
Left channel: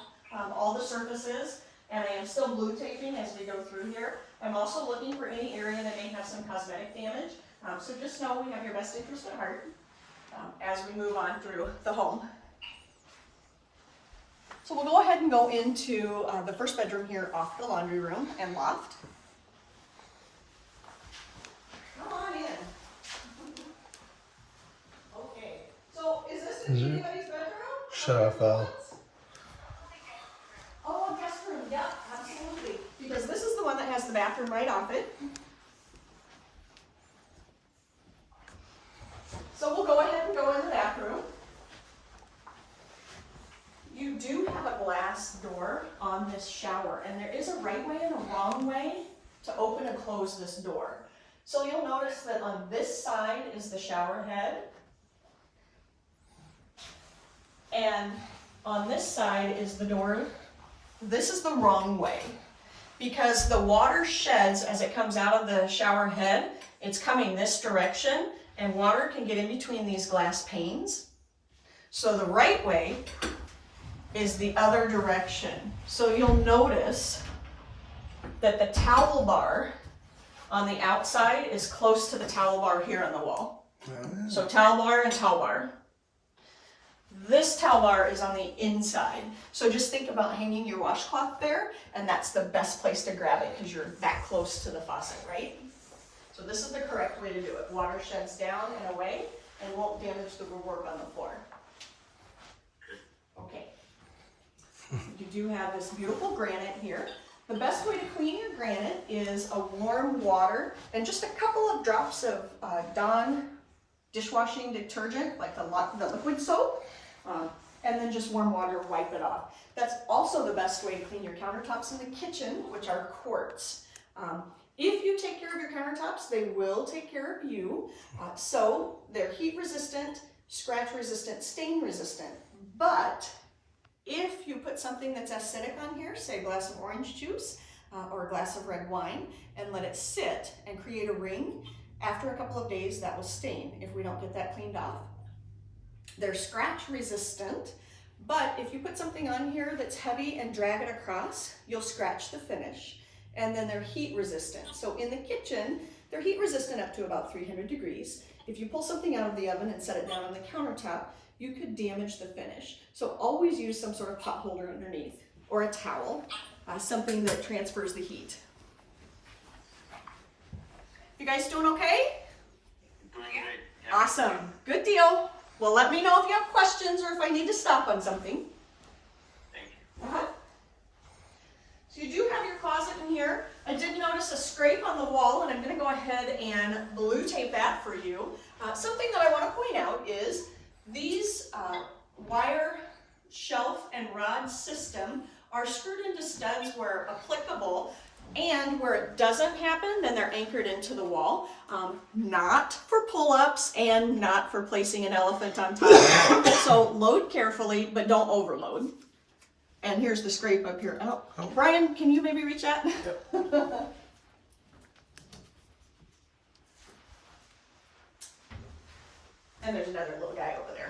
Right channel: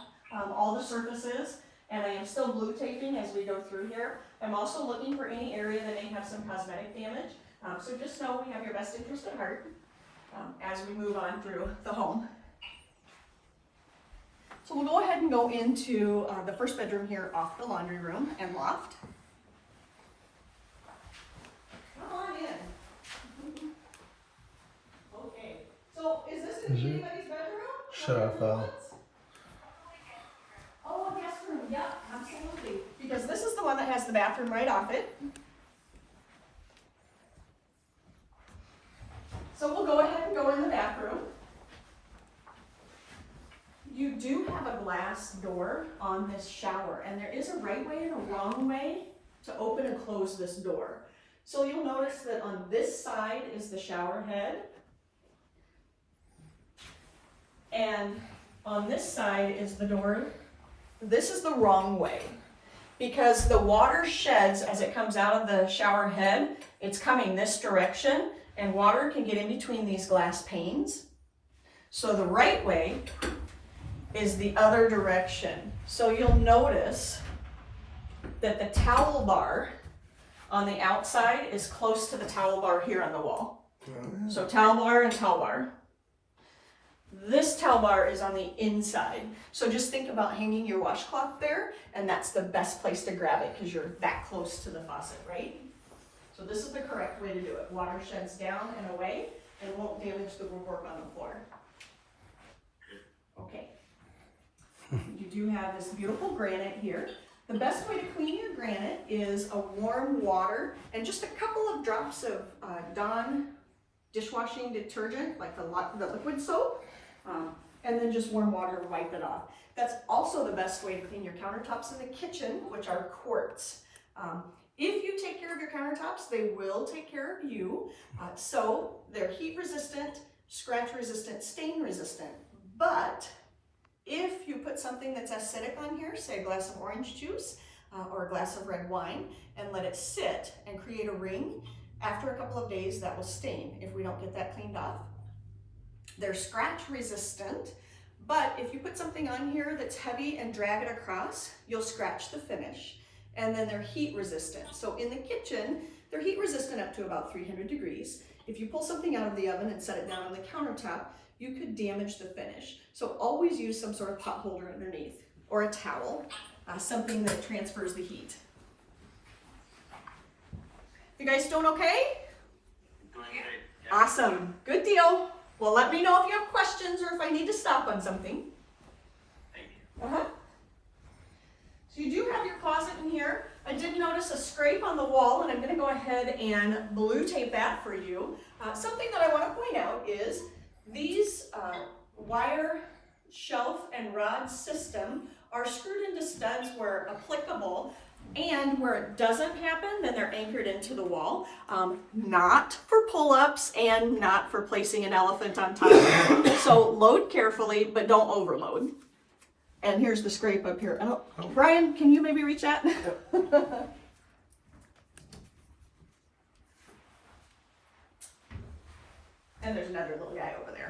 all the surfaces, and I am still blue taping as we go through here. I'm also looking for any area that may have some cosmetic damage. So just know we have your best interest at heart as we move on through the home. So we'll go ahead and go into the first bedroom here off the laundry room and loft. Come on in. Okay, so is this gonna be anybody's bedroom? Shut off valve. Oh, guest room, yeah, absolutely. Because this is the one that has the bathroom right off it. So we'll go ahead and go in the bathroom. You do have a glass door on this shower, and there is a right way and a wrong way to open and close this door. So you'll notice that on this side is the shower head, and on this side is the door. This is the wrong way, because the water sheds as it comes out of the shower head. It's coming this direction, and water can get in between these glass panes. So the right way is the other direction. So you'll notice that the towel bar on the outside is close to the towel bar here on the wall. So towel bar and towel bar. This towel bar is on the inside. So just think about hanging your washcloth there, and that's the best place to grab it because you're that close to the faucet, right? So this is the correct way to do it. Water sheds down and away and won't damage the woodwork on the floor. Okay. You do have this beautiful granite here. The best way to clean your granite is a warm water and just a couple of drops of Dawn dishwashing detergent, like the liquid soap, and then just warm water to wipe it off. That's also the best way to clean your countertops in the kitchen, which are quartz. If you take care of your countertops, they will take care of you. So they're heat resistant, scratch resistant, stain resistant. But if you put something that's acidic on here, say a glass of orange juice or a glass of red wine, and let it sit and create a ring, after a couple of days that will stain if we don't get that cleaned off. They're scratch resistant, but if you put something on here that's heavy and drag it across, you'll scratch the finish. And then they're heat resistant. So in the kitchen, they're heat resistant up to about 300 degrees. If you pull something out of the oven and set it down on the countertop, you could damage the finish. So always use some sort of pot holder underneath or a towel, something that transfers the heat. You guys doing okay? Doing great. Yeah. Awesome, good deal. Well, let me know if you have questions or if I need to stop on something. Thank you. So you do have your closet in here. I did notice a scrape on the wall, and I'm gonna go ahead and blue tape that for you. Something that I wanna point out is these wire shelf and rod system are screwed into studs where applicable, And where it doesn't happen, then they're anchored into the wall. Not for pull-ups and not for placing an elephant on top. So load carefully, but don't overload. And here's the scrape up here. Brian, can you maybe reach that? And there's another little guy over there.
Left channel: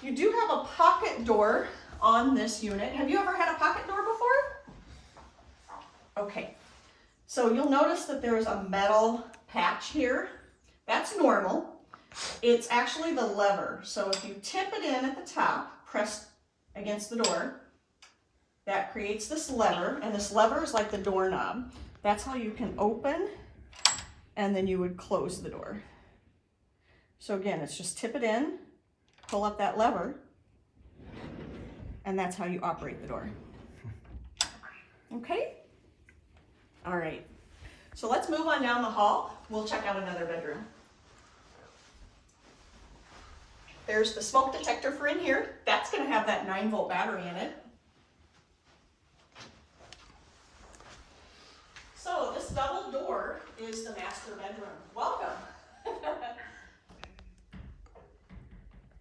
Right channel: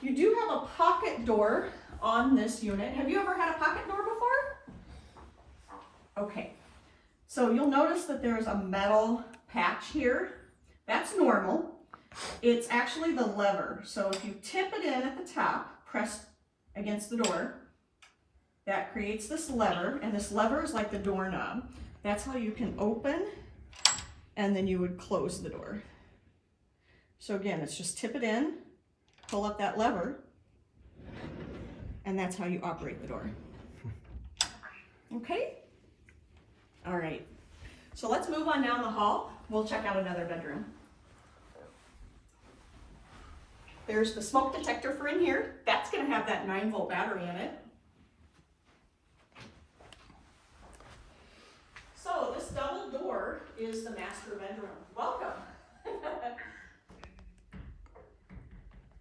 You do have a pocket door on this unit. Have you ever had a pocket door before? Okay. So you'll notice that there's a metal patch here. That's normal. It's actually the lever. So if you tip it in at the top, press against the door, that creates this lever, and this lever is like the doorknob. That's how you can open, and then you would close the door. So again, it's just tip it in, pull up that lever, and that's how you operate the door. Okay? All right. So let's move on down the hall. We'll check out another bedroom. There's the smoke detector for in here. That's going to have that 9-volt battery in it. So this double door is the master bedroom. Welcome.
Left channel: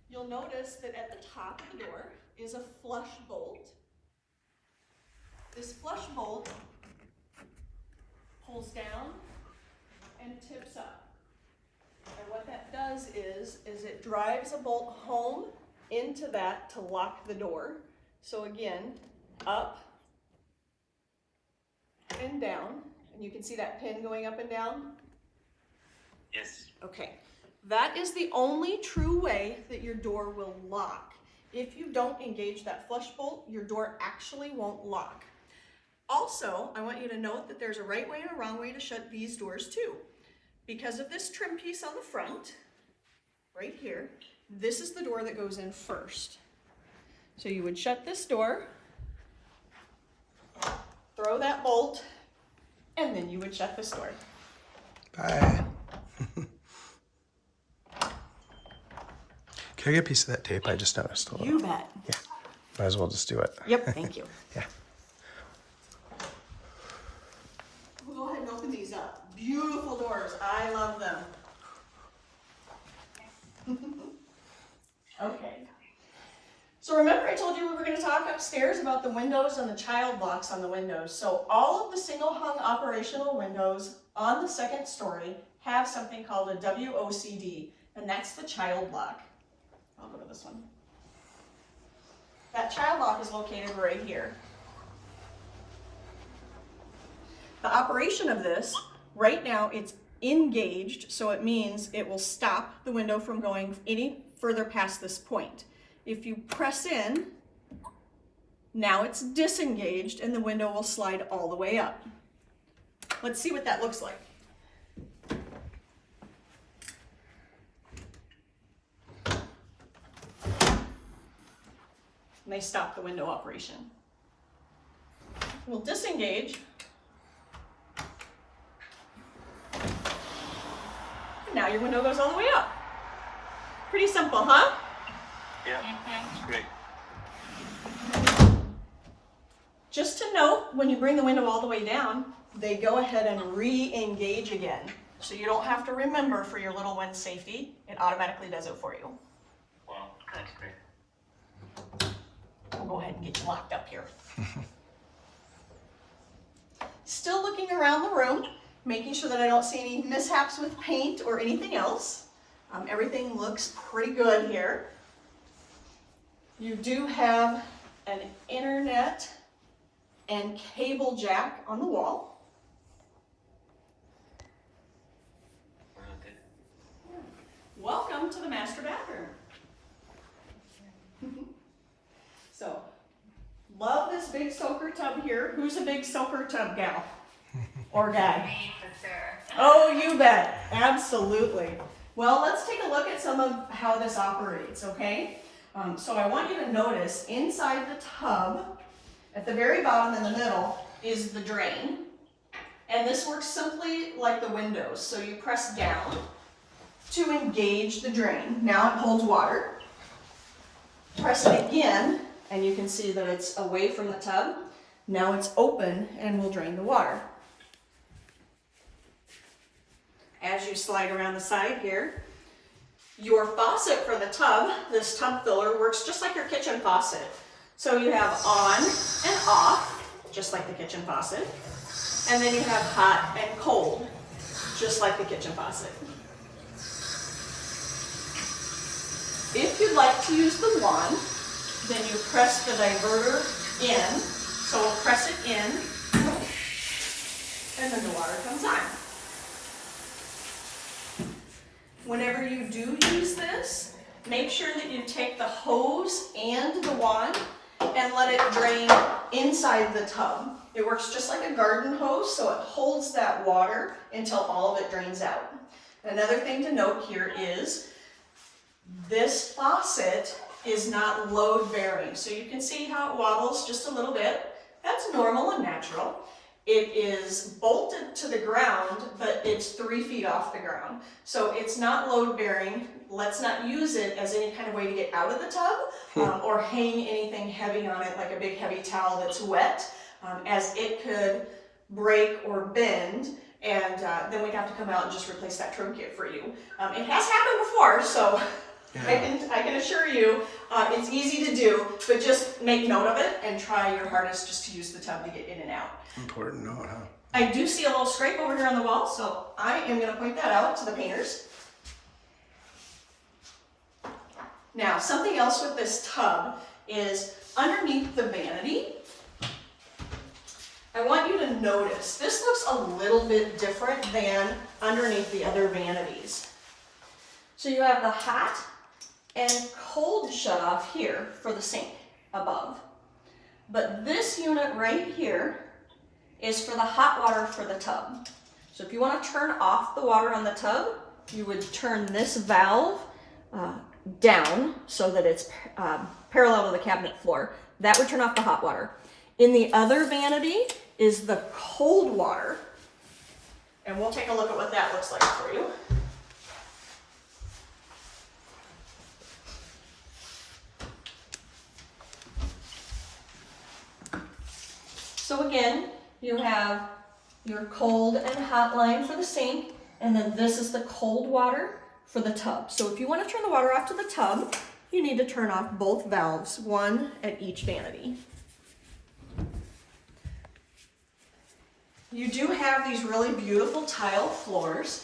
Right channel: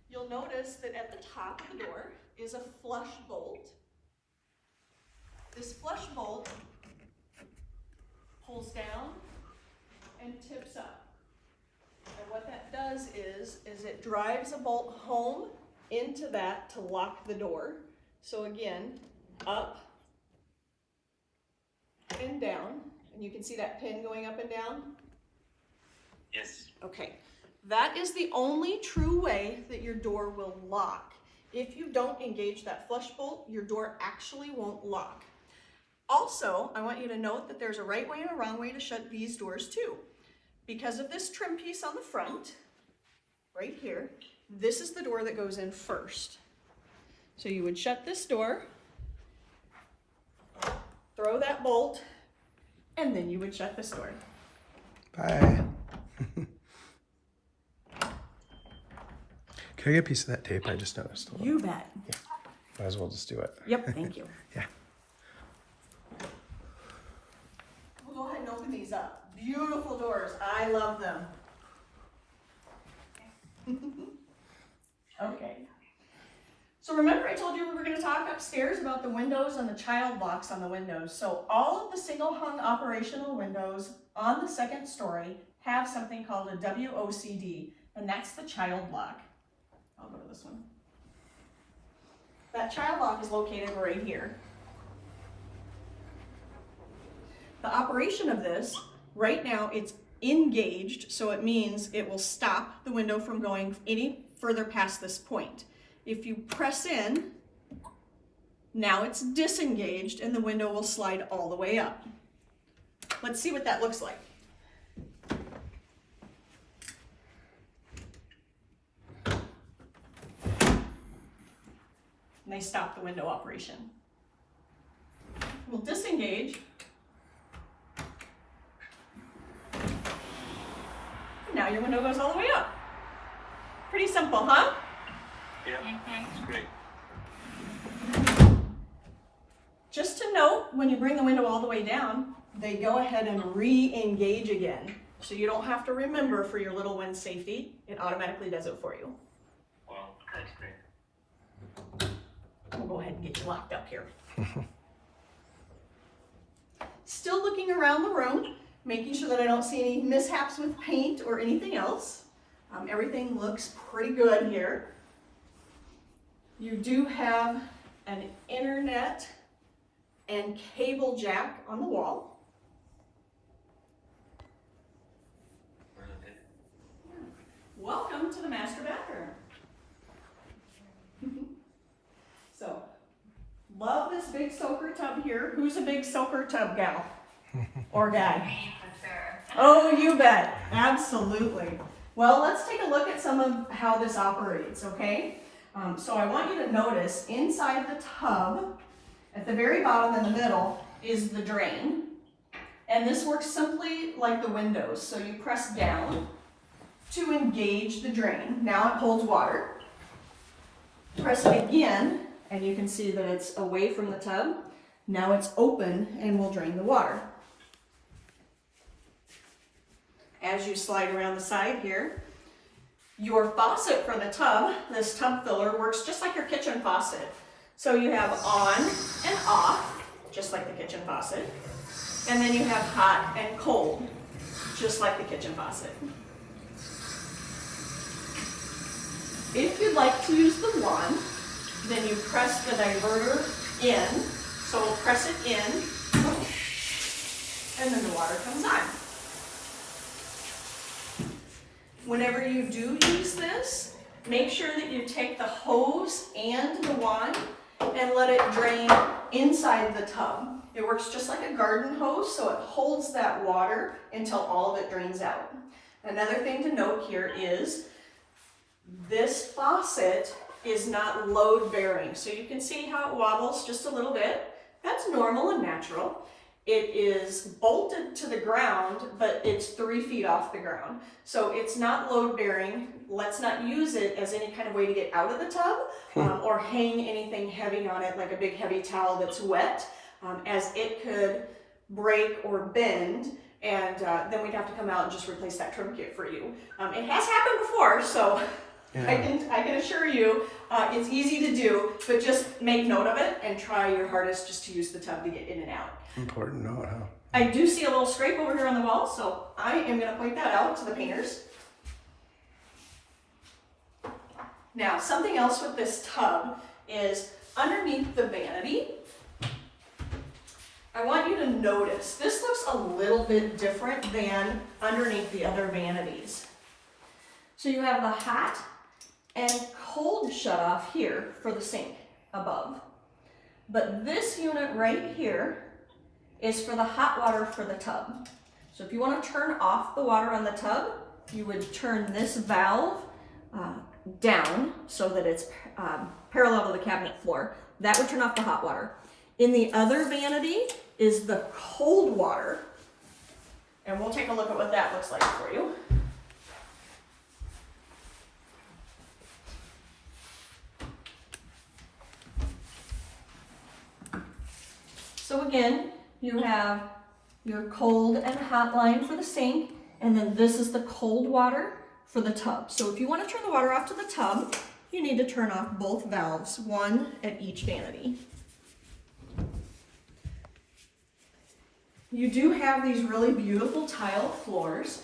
You'll notice that at the top of the door is a flush bolt. This flush bolt pulls down and tips up. And what that does is it drives a bolt home into that to lock the door. So again, up and down. And you can see that pin going up and down? Yes. Okay. That is the only true way that your door will lock. If you don't engage that flush bolt, your door actually won't lock. Also, I want you to note that there's a right way and a wrong way to shut these doors too. Because of this trim piece on the front, right here, this is the door that goes in first. So you would shut this door, throw that bolt, and then you would shut this door. Bye. Can I get a piece of that tape? I just noticed a little. You bet. Yeah. Might as well just do it. Yep, thank you. Yeah. We'll go ahead and open these up. Beautiful doors. I love them. Okay. So remember I told you we were going to talk upstairs about the windows and the child locks on the windows. So all of the single hung operational windows on the second story have something called a WOCD, and that's the child lock. I'll go to this one. That child lock is located right here. The operation of this, right now it's engaged, so it means it will stop the window from going any further past this point. If you press in, now it's disengaged and the window will slide all the way up. Let's see what that looks like. And they stop the window operation. We'll disengage. And now your window goes all the way up. Pretty simple, huh? Yeah, that's great. Just to note, when you bring the window all the way down, they go ahead and re-engage again. So you don't have to remember for your little one's safety. It automatically does it for you. Wow, that's great. We'll go ahead and get you locked up here. Still looking around the room, making sure that I don't see any mishaps with paint or anything else. Everything looks pretty good here. You do have an internet and cable jack on the wall. Welcome to the master bathroom. So, love this big soaker tub here. Who's a big soaker tub gal or guy? Me for sure. Oh, you bet. Absolutely. Well, let's take a look at some of how this operates, okay? So I want you to notice inside the tub, at the very bottom in the middle, is the drain. And this works simply like the windows. So you press down to engage the drain. Now it holds water. Press it again, and you can see that it's away from the tub. Now it's open and will drain the water. As you slide around the side here, your faucet for the tub, this tub filler, works just like your kitchen faucet. So you have on and off, just like the kitchen faucet. And then you have hot and cold, just like the kitchen faucet. If you'd like to use the wand, then you press the diverter in. So we'll press it in, and then the water comes on. Whenever you do use this, make sure that you take the hose and the wand and let it drain inside the tub. It works just like a garden hose, so it holds that water until all of it drains out. Another thing to note here is this faucet is not load bearing. So you can see how it wobbles just a little bit. That's normal and natural. It is bolted to the ground, but it's 3 feet off the ground. So it's not load bearing. Let's not use it as any kind of way to get out of the tub or hang anything heavy on it, like a big heavy towel that's wet, as it could break or bend, and then we'd have to come out and just replace that trim kit for you. It has happened before, so yeah. I can assure you it's easy to do, but just make note of it and try your hardest just to use the tub to get in and out. Important note, huh? I do see a little scrape over here on the wall, so I am going to point that out to the painters. Now, something else with this tub is underneath the vanity. I want you to notice, this looks a little bit different than underneath the other vanities. So you have the hot and cold shutoff here for the sink above. But this unit right here is for the hot water for the tub. So if you want to turn off the water on the tub, you would turn this valve down so that it's parallel to the cabinet floor. That would turn off the hot water. In the other vanity is the cold water, and we'll take a look at what that looks like for you. So again, you have your cold and hot line for the sink, and then this is the cold water for the tub. So if you want to turn the water off to the tub, you need to turn off both valves, one at each vanity. You do have these really beautiful tile floors.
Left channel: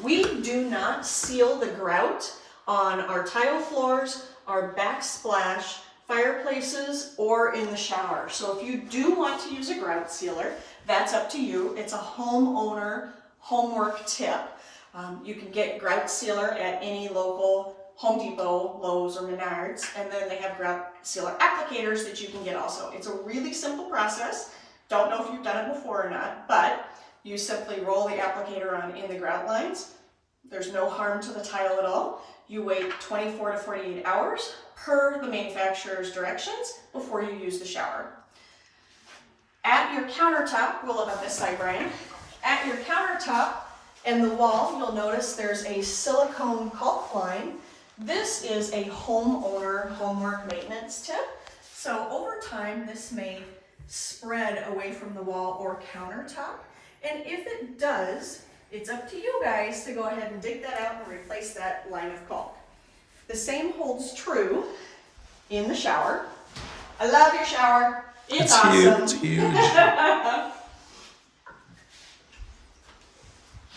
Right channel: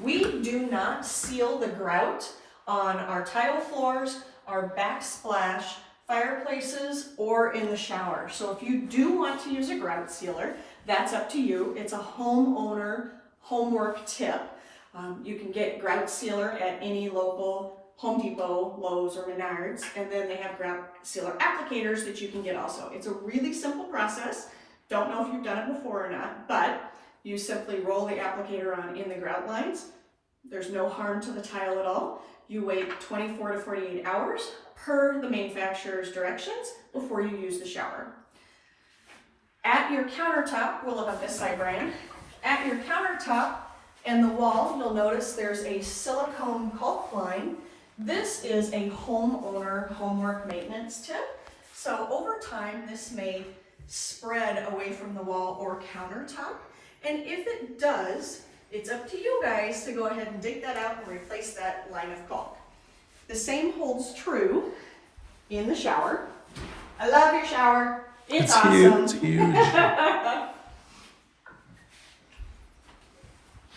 We do not seal the grout on our tile floors, our backsplash, fireplaces, or in the shower. So if you do want to use a grout sealer, that's up to you. It's a homeowner homework tip. You can get grout sealer at any local Home Depot, Lowe's, or Menards, and then they have grout sealer applicators that you can get also. It's a really simple process. Don't know if you've done it before or not, but you simply roll the applicator on in the grout lines. There's no harm to the tile at all. You wait 24 to 48 hours per the manufacturer's directions before you use the shower. At your countertop, we'll look up this side, Brian. At your countertop and the wall, you'll notice there's a silicone caulk line. This is a homeowner homework maintenance tip. So over time, this may spread away from the wall or countertop. And if it does, it's up to you guys to go ahead and dig that out and replace that line of caulk. The same holds true in the shower. I love your shower. It's awesome. Huge. It's huge.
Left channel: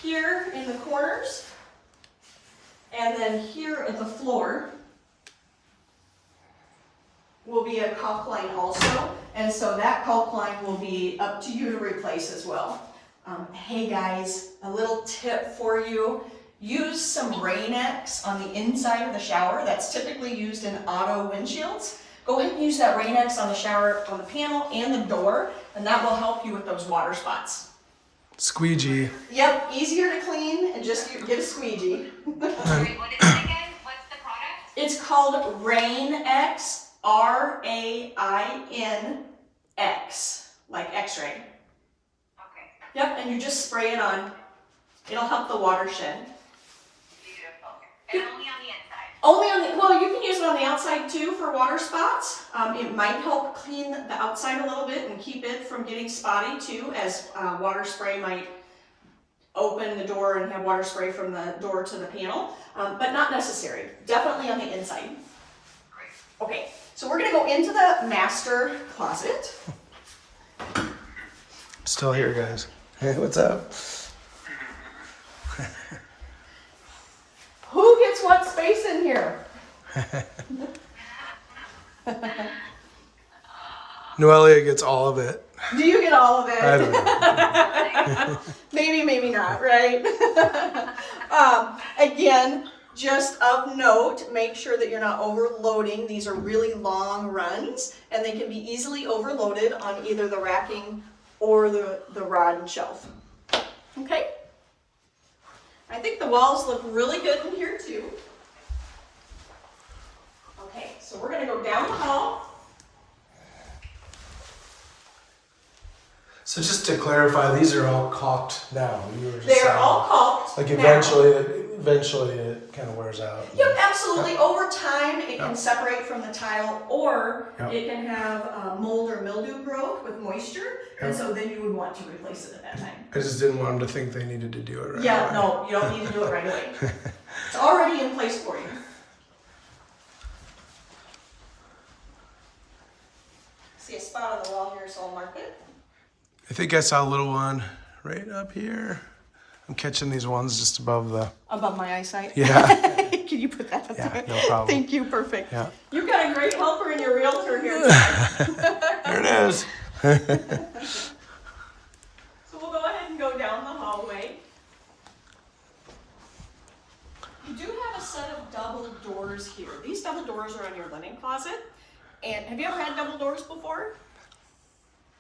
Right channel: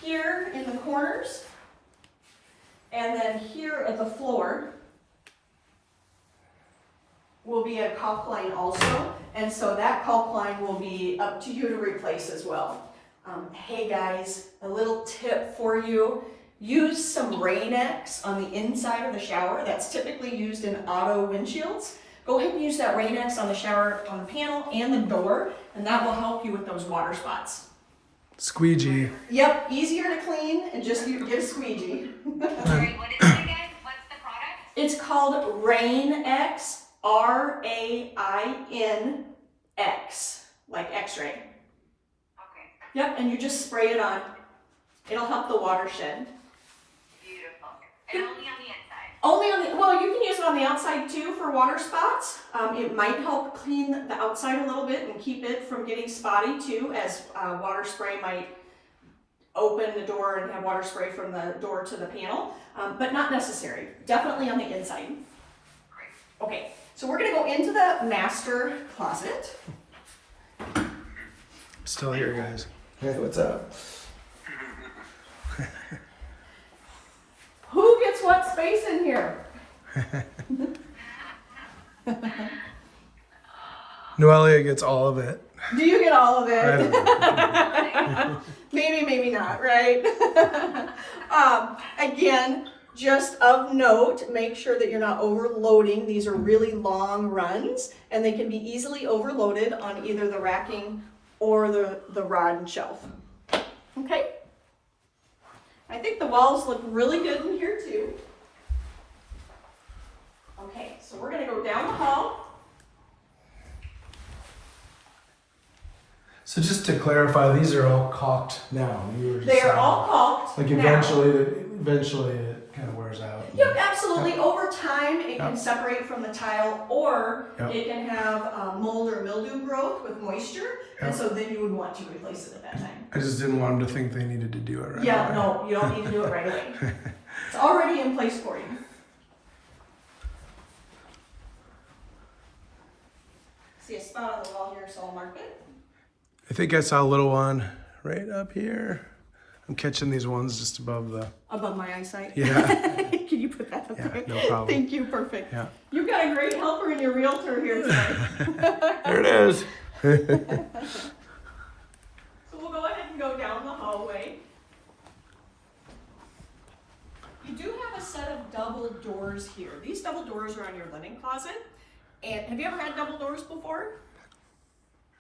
Here in the corners, and then here at the floor will be a caulk line also, and so that caulk line will be up to you to replace as well. Hey guys, a little tip for you. Use some Rain-X on the inside of the shower. That's typically used in auto windshields. Go ahead and use that Rain-X on the shower, on the panel and the door, and that will help you with those water spots. Squeegee. Yep, easier to clean, and just get a squeegee. Sorry, what is it again? What's the product? It's called Rain-X, R-A-I-N-X, like X-ray. Okay, Yep, and you just spray it on. It'll help the watershed. beautiful. And only on the inside. Only on the, well, you can use it on the outside too for water spots. It might help clean the outside a little bit and keep it from getting spotty too, as water spray might open the door and have water spray from the door to the panel, but not necessary. Definitely on the inside. Okay, so we're gonna go into the master closet. Still here, guys. Hey, what's up? Who gets what space in here? Noelia gets all of it. Do you get all of it? I don't know. Maybe, maybe not, right? Again, just of note, make sure that you're not overloading. These are really long runs, and they can be easily overloaded on either the racking or the rod and shelf. Okay? I think the walls look really good in here too. Okay, so we're gonna go down the hall. So just to clarify, these are all caulked now. You were just They are saying, all caulked. like now. eventually it kind of wears out. Yep, absolutely. Yep. Over time, it can Yep. separate from the tile, or Yep. it can have mold or mildew growth with moisture, and Yep. so then you would want to replace it at that time. I just didn't want them to think they needed to do it right Yeah, away. no, you don't need to do it right away. It's already in place for you. See a spot on the wall here, so I'll mark it. I think I saw a little one right up here. I'm catching these ones just above the. Above my eyesight. Yeah. Can you put that up Yeah, there? no problem. Thank you, perfect. Yeah. You've got a great helper in your realtor here tonight. There it is. So we'll go ahead and go down the hallway. You do have a set of double doors here. These double doors are on your linen closet. And have you ever had double doors before?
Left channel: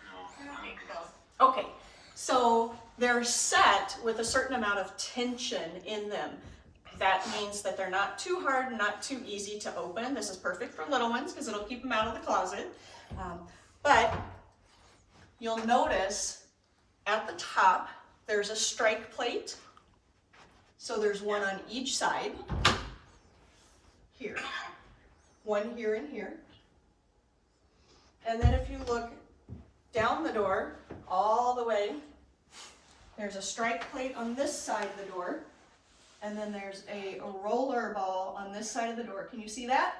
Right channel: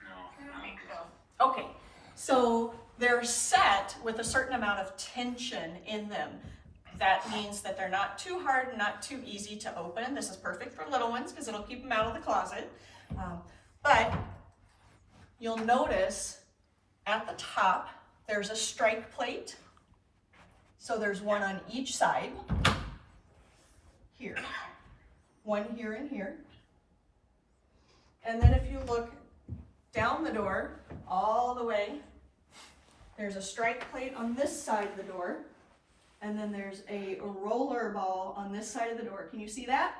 I don't think so. Okay, so they're set with a certain amount of tension in them. That means that they're not too hard, not too easy to open. This is perfect for little ones because it'll keep them out of the closet. But you'll notice at the top, there's a strike plate. So there's one on each side. Here. One here and here. And then if you look down the door, all the way, there's a strike plate on this side of the door. And then there's a roller ball on this side of the door. Can you see that?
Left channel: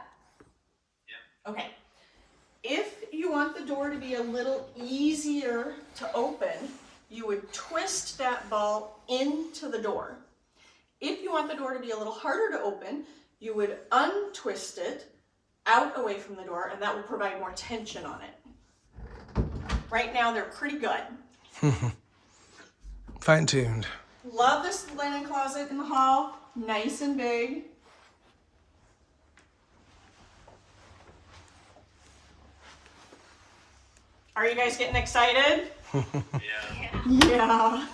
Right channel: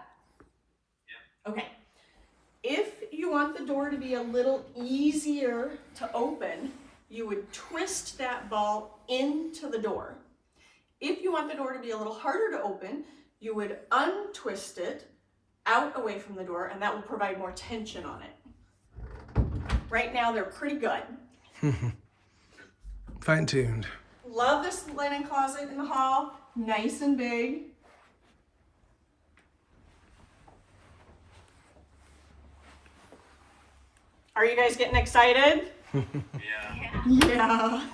Yeah. Okay. If you want the door to be a little easier to open, you would twist that ball into the door. If you want the door to be a little harder to open, you would untwist it out away from the door, and that will provide more tension on it. Right now, they're pretty good. Fine-tuned. Love this linen closet in the hall, nice and big. Are you guys getting excited? Yeah. Yeah.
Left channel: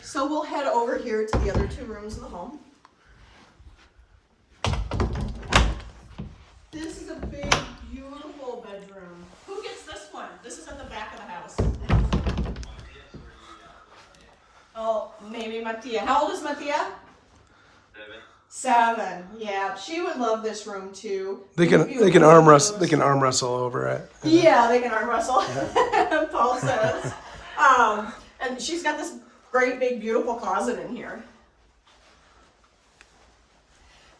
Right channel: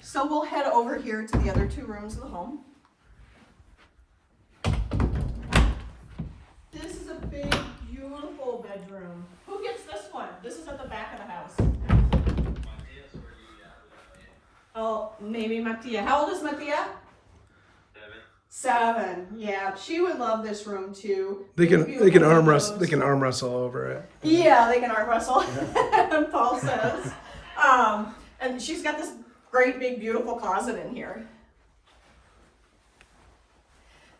So we'll head over here to the other two rooms of the home. This is a big, beautiful bedroom. Who gets this one? This is at the back of the house. Oh, maybe Mattia. How old is Mattia? 7. Yeah, she would love this room too. They can arm wrestle. They can arm wrestle over it. Yeah, they can arm wrestle. Paul says. And she's got this great big beautiful closet in here.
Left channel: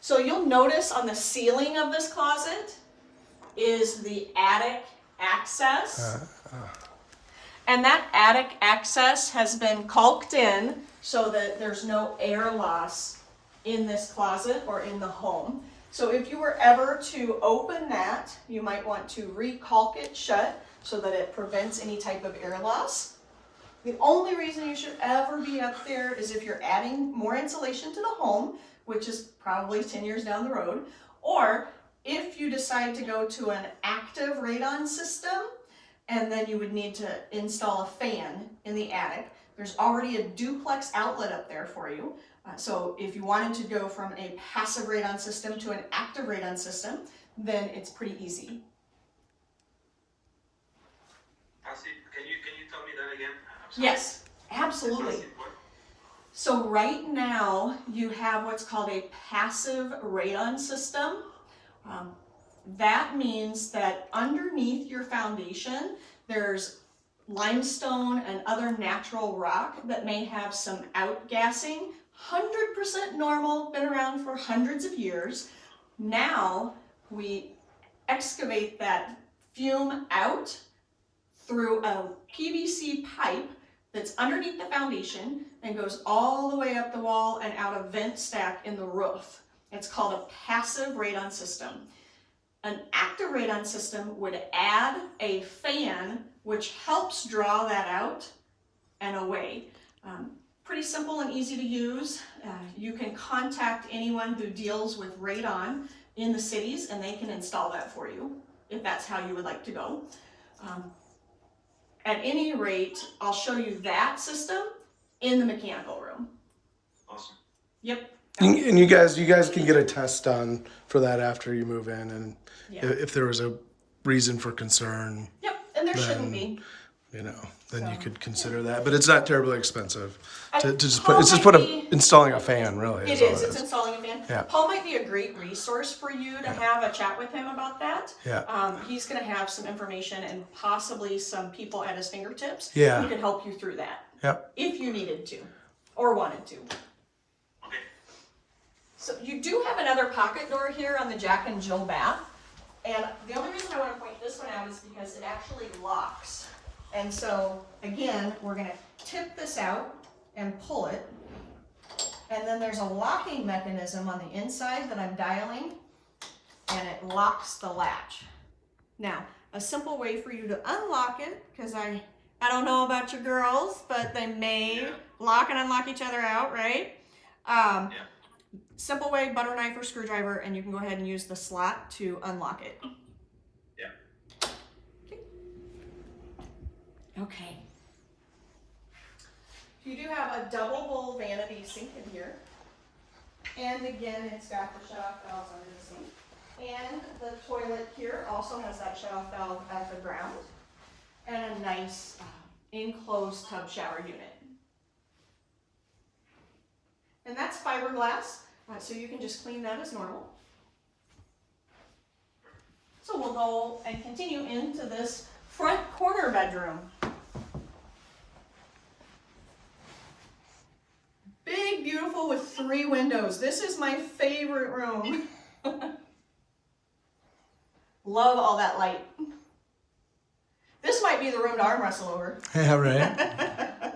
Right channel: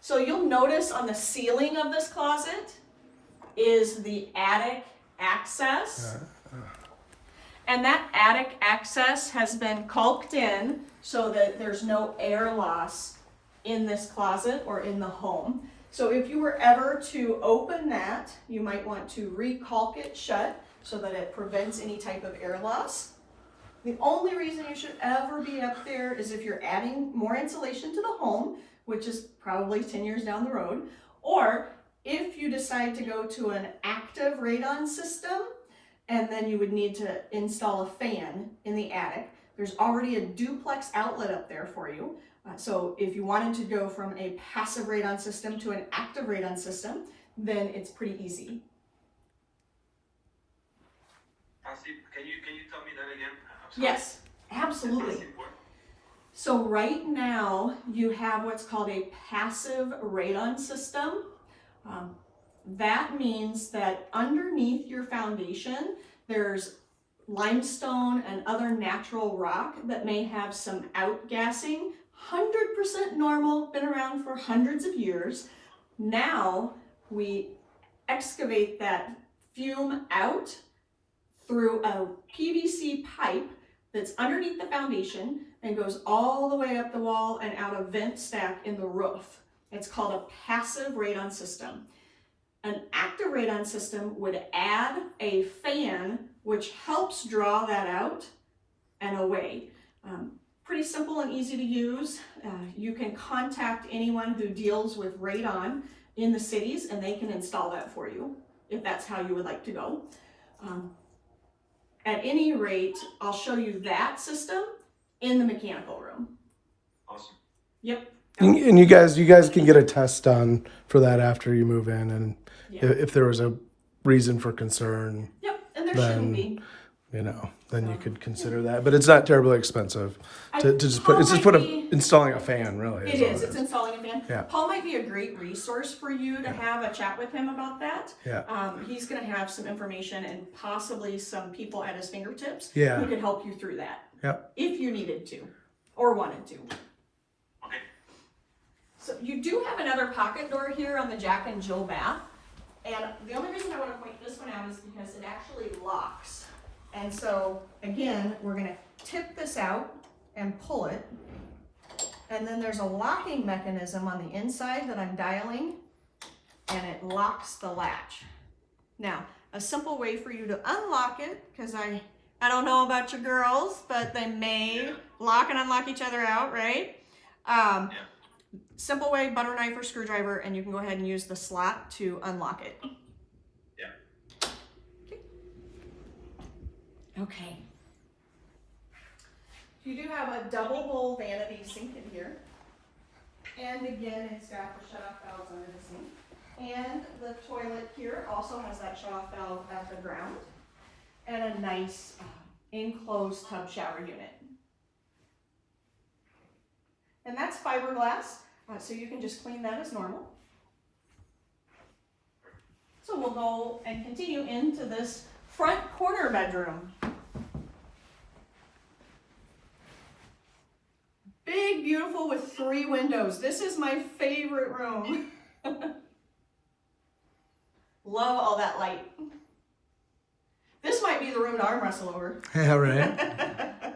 So you'll notice on the ceiling of this closet is the attic access. And that attic access has been caulked in so that there's no air loss in this closet or in the home. So if you were ever to open that, you might want to re-caulk it shut so that it prevents any type of air loss. The only reason you should ever be up there is if you're adding more insulation to the home, which is probably 10 years down the road, or if you decide to go to an active radon system, and then you would need to install a fan in the attic. There's already a duplex outlet up there for you. So if you wanted to go from a passive radon system to an active radon system, then it's pretty easy. Can you tell me that again? I'm sorry. Yes, absolutely. So right now you have what's called a passive radon system. That means that underneath your foundation, there's limestone and other natural rock that may have some outgassing. 100% normal, been around for hundreds of years. Now we excavate that fume out through a PVC pipe that's underneath the foundation and goes all the way up the wall and out a vent stack in the roof. It's called a passive radon system. An active radon system would add a fan which helps draw that out and away. Pretty simple and easy to use. You can contact anyone who deals with radon in the cities and they can install that for you if that's how you would like to go. At any rate, I'll show you that system in the mechanical room. Awesome. Yep. And you guys can get a test done for that after you move in, and Yeah. if there was a reason for concern, Yep, and there Then- shouldn't be. then you So, could consider that. But it's not terribly expensive to just Paul put. It's just might be- installing a fan, really. It all is. It's installing a fan. Yeah. Paul might be a great resource for you to have a chat with him about that. Yeah. He's going to have some information and possibly some people at his fingertips Yeah. who can help you through that. Yep. If you needed to or wanted to. Okay. So you do have another pocket door here on the Jack and Jill bath. And the only reason I want to point this one out is because it actually locks. And so, again, we're going to tip this out and pull it. And then there's a locking mechanism on the inside that I'm dialing, and it locks the latch. Now, a simple way for you to unlock it, because I don't know about your girls, but they may lock and unlock each other out, right? Simple way, butter knife or screwdriver, and you can go ahead and use the slot to unlock it. Yeah. Okay. You do have a double bowl vanity sink in here. And again, it's got the shut-off valves under the sink. And the toilet here also has that shut-off valve at the ground. And a nice enclosed tub shower unit. And that's fiberglass, so you can just clean that as normal. So we'll go and continue into this front corner bedroom. Big, beautiful with 3 windows. This is my favorite room. Love all that light. This might be the room to arm wrestle over. Yeah. Right.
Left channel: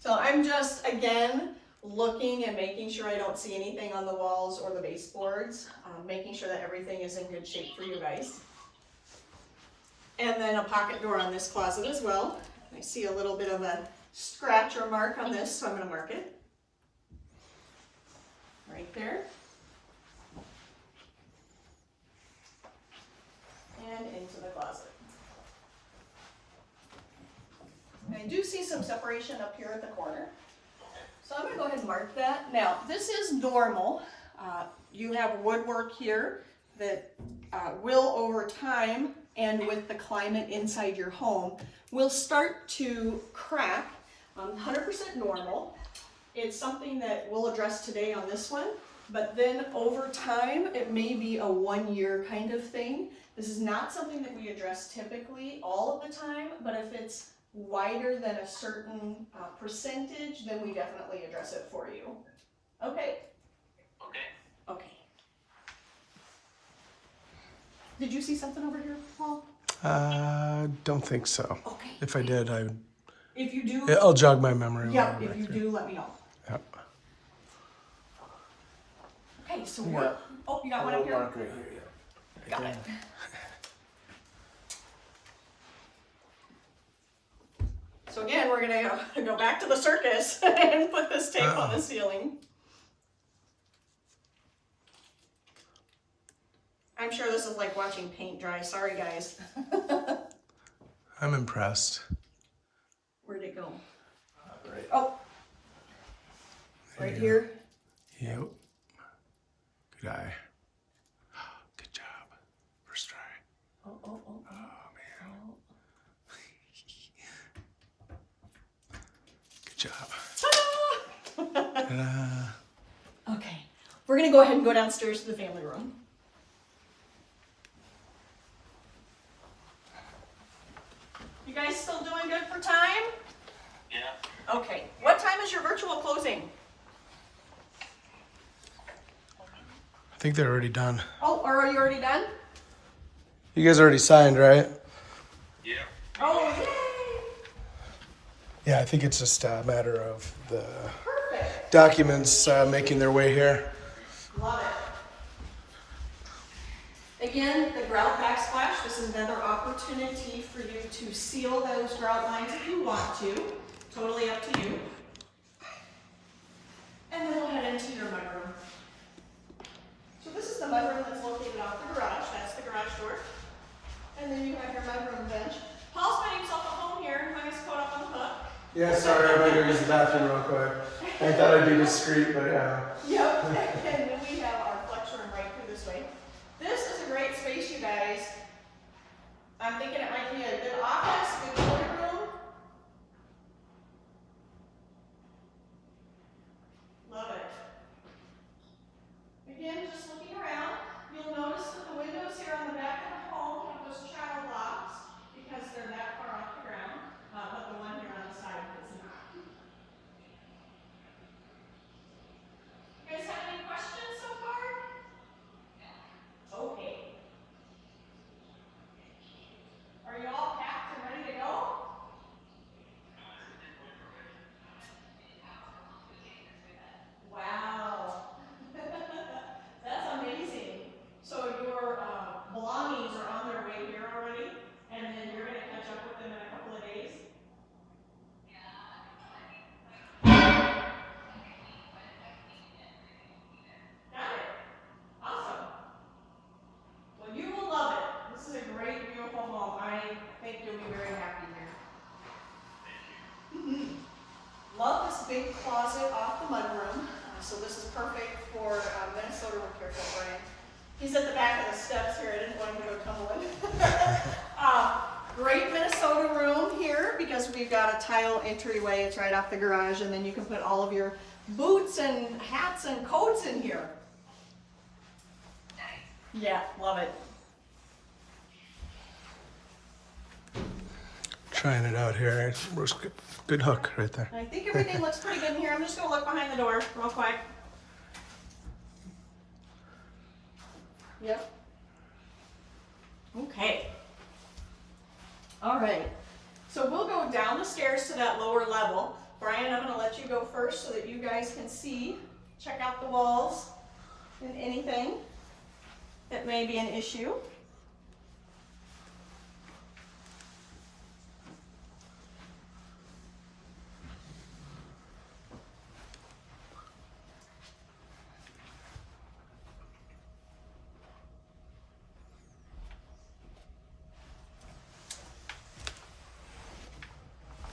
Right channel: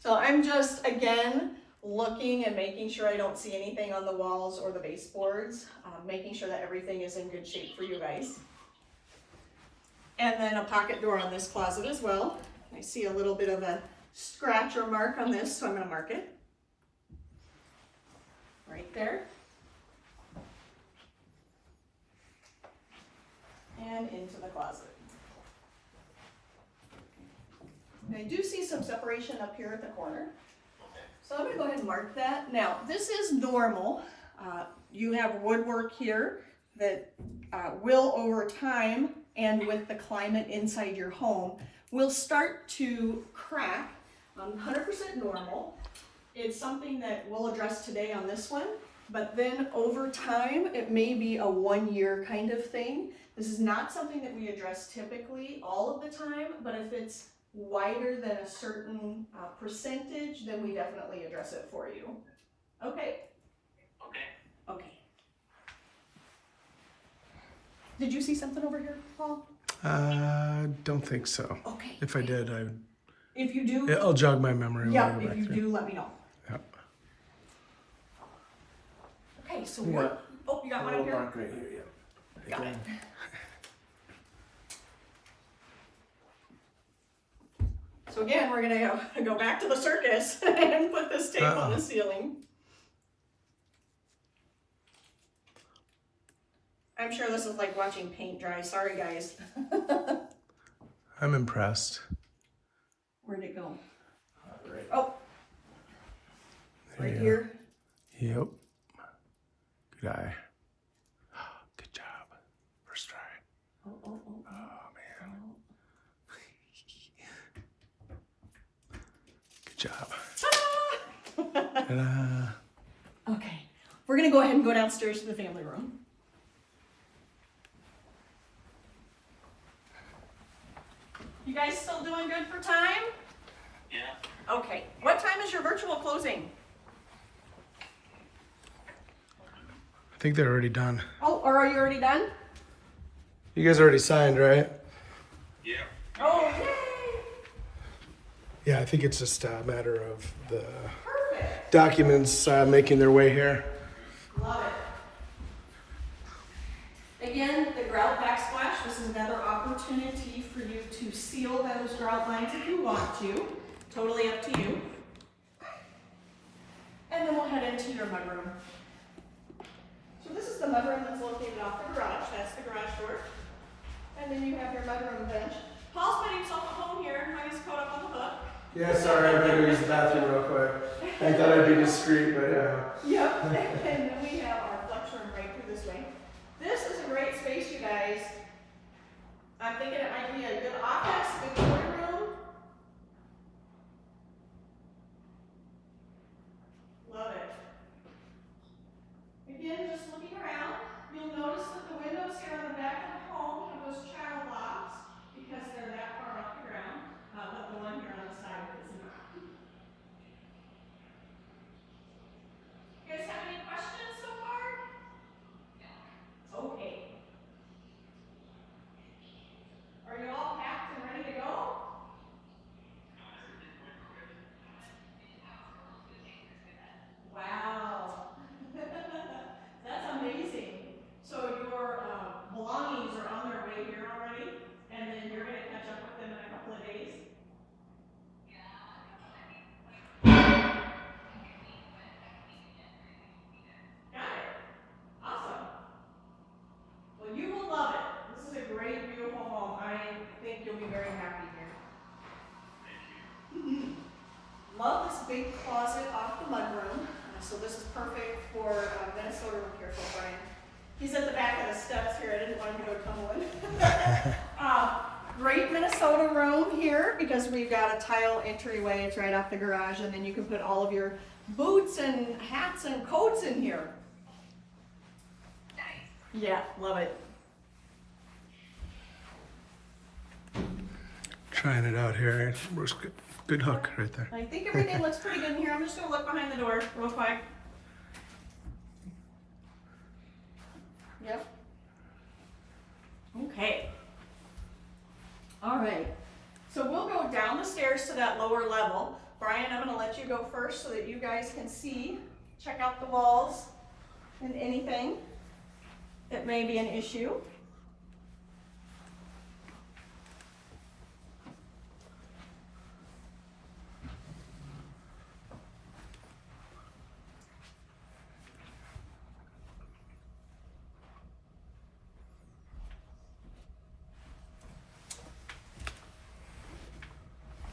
So I'm just, again, looking and making sure I don't see anything on the walls or the baseboards, making sure that everything is in good shape for you guys. And then a pocket door on this closet as well. I see a little bit of a scratch or mark on this, so I'm going to mark it. Right there. And into the closet. And I do see some separation up here at the corner. So I'm going to go ahead and mark that. Now, this is normal. You have woodwork here that will, over time, and with the climate inside your home, will start to crack. 100% normal. It's something that we'll address today on this one, but then over time, it may be a 1-year kind of thing. This is not something that we address typically all of the time, but if it's wider than a certain percentage, then we definitely address it for you. Okay? Okay. Okay. Did you see something over here, Paul? Don't think so. Okay. If I did, If you do, I'll jog my memory. yeah, when I go if you back there. do, let me know. Yep. Okay, so we're, oh, you got one up here? Mark right here. Yeah. Got it. So again, we're gonna go back to the circus and put this tape on the ceiling. I'm sure this is like watching paint dry. Sorry, guys. I'm impressed. Where'd it go? Right. Oh, There right you here. go. Yep. Good eye. Good job. First try. Oh, oh, oh. Oh man. Good job. Ta-da. Okay, we're gonna go ahead and go downstairs to the family room. You guys still doing good for time? Yeah. Okay, what time is your virtual closing? I think they're already done. Oh, or are you already done? You guys already signed, right? Yeah. Oh, yay! Yeah, I think it's just a matter of the Perfect. documents making their way here. Love it. Again, the grout backsplash, this is another opportunity for you to seal those grout lines if you want to. Totally up to you. And then we'll head into your mudroom. So this is the mudroom that's located off the garage. That's the garage door. And then you have your mudroom bench. Paul's finding himself at home here, hung his coat up on the hook. Yeah, sorry, I'm gonna go use the bathroom real quick. I thought I'd be discreet, but yeah. Yep, and then we have our flex room right through this way. This is a great space, you guys. I'm thinking it might be a good office, good toy room. Love it. Again, just looking around, you'll notice that the windows here on the back of the home have those child locks because they're that far off the ground, but the one here on the side is not. You guys have any questions so far? Okay. Are you all packed and ready to go? Wow. That's amazing. So your belongings are on their way here already, and then you're going to catch up with them in a couple of days? Got it. Awesome. Well, you will love it. This is a great, beautiful home. I think you'll be very happy here. Love this big closet off the mudroom. So this is perfect for Minnesota room. Careful, Brian. He's at the back of the steps here. I didn't want him to go tumbling. Great Minnesota room here because we've got a tile entryway. It's right off the garage, and then you can put all of your boots and hats and coats in here. Yeah, love it. Trying it out here. Good hook right there. I think everything looks pretty good in here. I'm just gonna look behind the door real quick. Yep. Okay. All right. So we'll go down the stairs to that lower level. Brian, I'm gonna let you go first so that you guys can see, check out the walls and anything that may be an issue.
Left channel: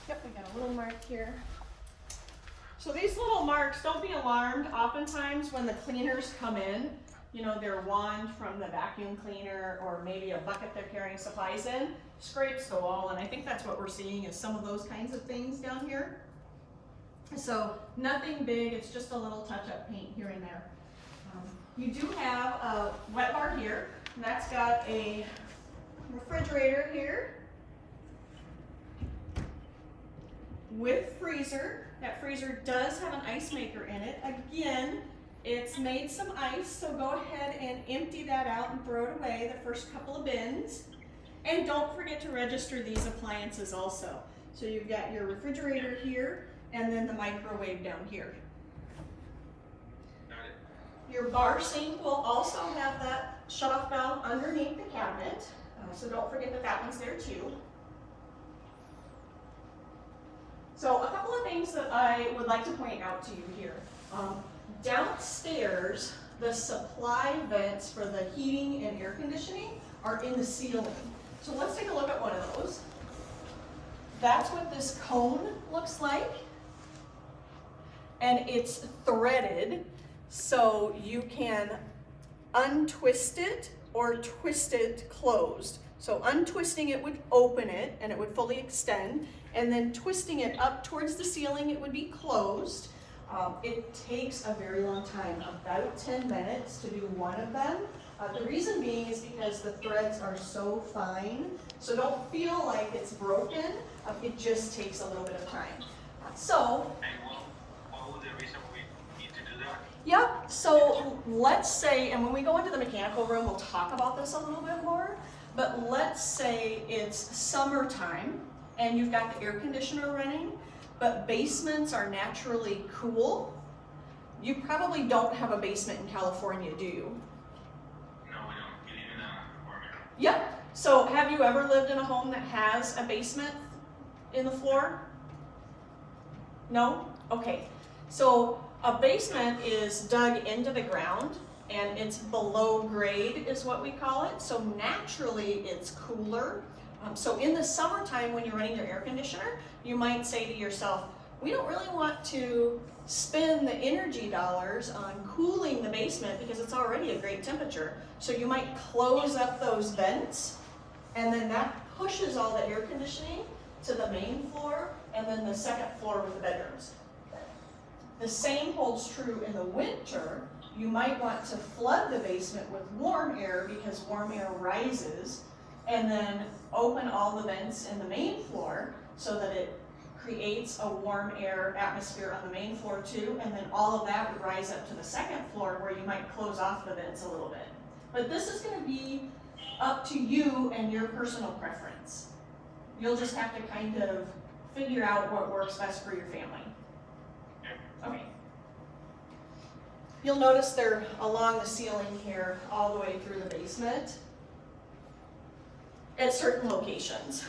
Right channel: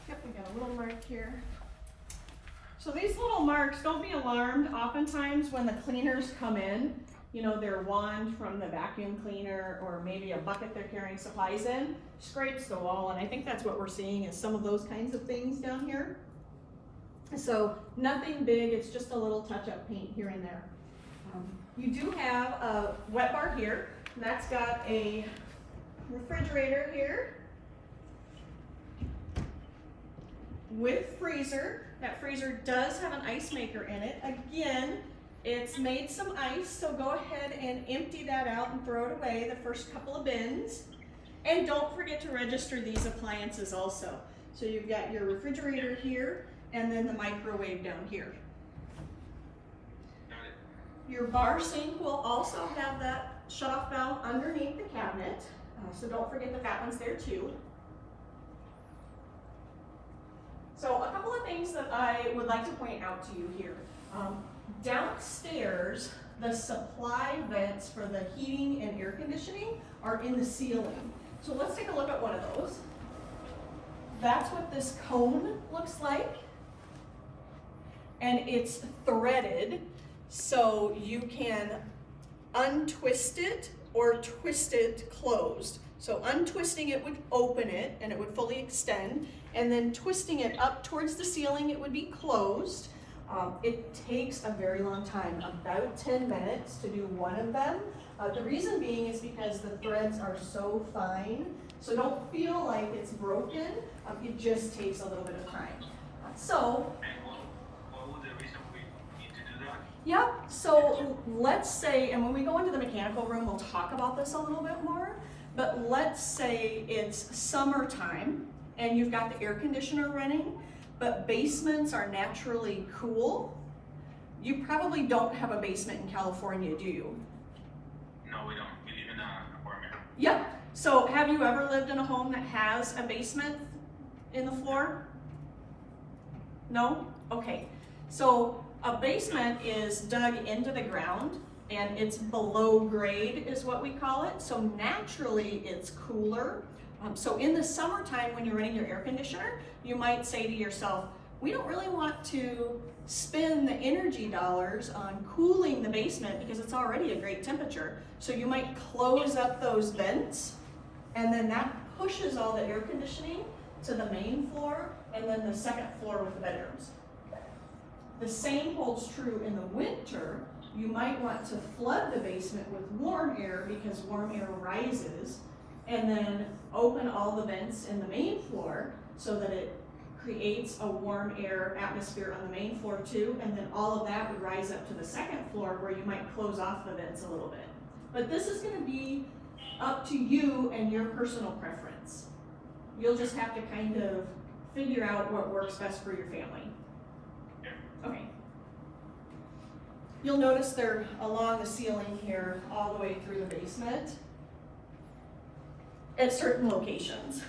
Yep, we got a little mark here. So these little marks, don't be alarmed. Oftentimes when the cleaners come in, you know, their wand from the vacuum cleaner or maybe a bucket they're carrying supplies in, scrapes the wall, and I think that's what we're seeing is some of those kinds of things down here. So nothing big, it's just a little touch-up paint here and there. You do have a wet bar here, and that's got a refrigerator here with freezer. That freezer does have an ice maker in it. Again, it's made some ice, so go ahead and empty that out and throw it away the first couple of bins. And don't forget to register these appliances also. So you've got your refrigerator here and then the microwave down here. Got it. Your bar sink will also have that shut-off valve underneath the cabinet. So don't forget that that one's there too. So a couple of things that I would like to point out to you here. Downstairs, the supply vents for the heating and air conditioning are in the ceiling. So let's take a look at one of those. That's what this cone looks like. And it's threaded, so you can untwist it or twist it closed. So untwisting it would open it and it would fully extend, and then twisting it up towards the ceiling, it would be closed. It takes a very long time, about 10 minutes to do one of them. The reason being is because the threads are so fine, so don't feel like it's broken. It just takes a little bit of time. So, And what was the reason we need to do that? yeah, so let's say, and when we go into the mechanical room, we'll talk about this a little bit more, but let's say it's summertime and you've got the air conditioner running, but basements are naturally cool. You probably don't have a basement in California, do you? No, we don't. We live in an apartment. Yep. So have you ever lived in a home that has a basement in the floor? No? Okay. So a basement is dug into the ground and it's below grade is what we call it. So naturally it's cooler. So in the summertime when you're running your air conditioner, you might say to yourself, we don't really want to spend the energy dollars on cooling the basement because it's already a great temperature. So you might close up those vents and then that pushes all the air conditioning to the main floor and then the second floor with the bedrooms. The same holds true in the winter. You might want to flood the basement with warm air because warm air rises, and then open all the vents in the main floor so that it creates a warm air atmosphere on the main floor too, and then all of that would rise up to the second floor where you might close off the vents a little bit. But this is going to be up to you and your personal preference. You'll just have to kind of figure out what works best for your family. Okay. You'll notice they're along the ceiling here all the way through the basement at certain locations.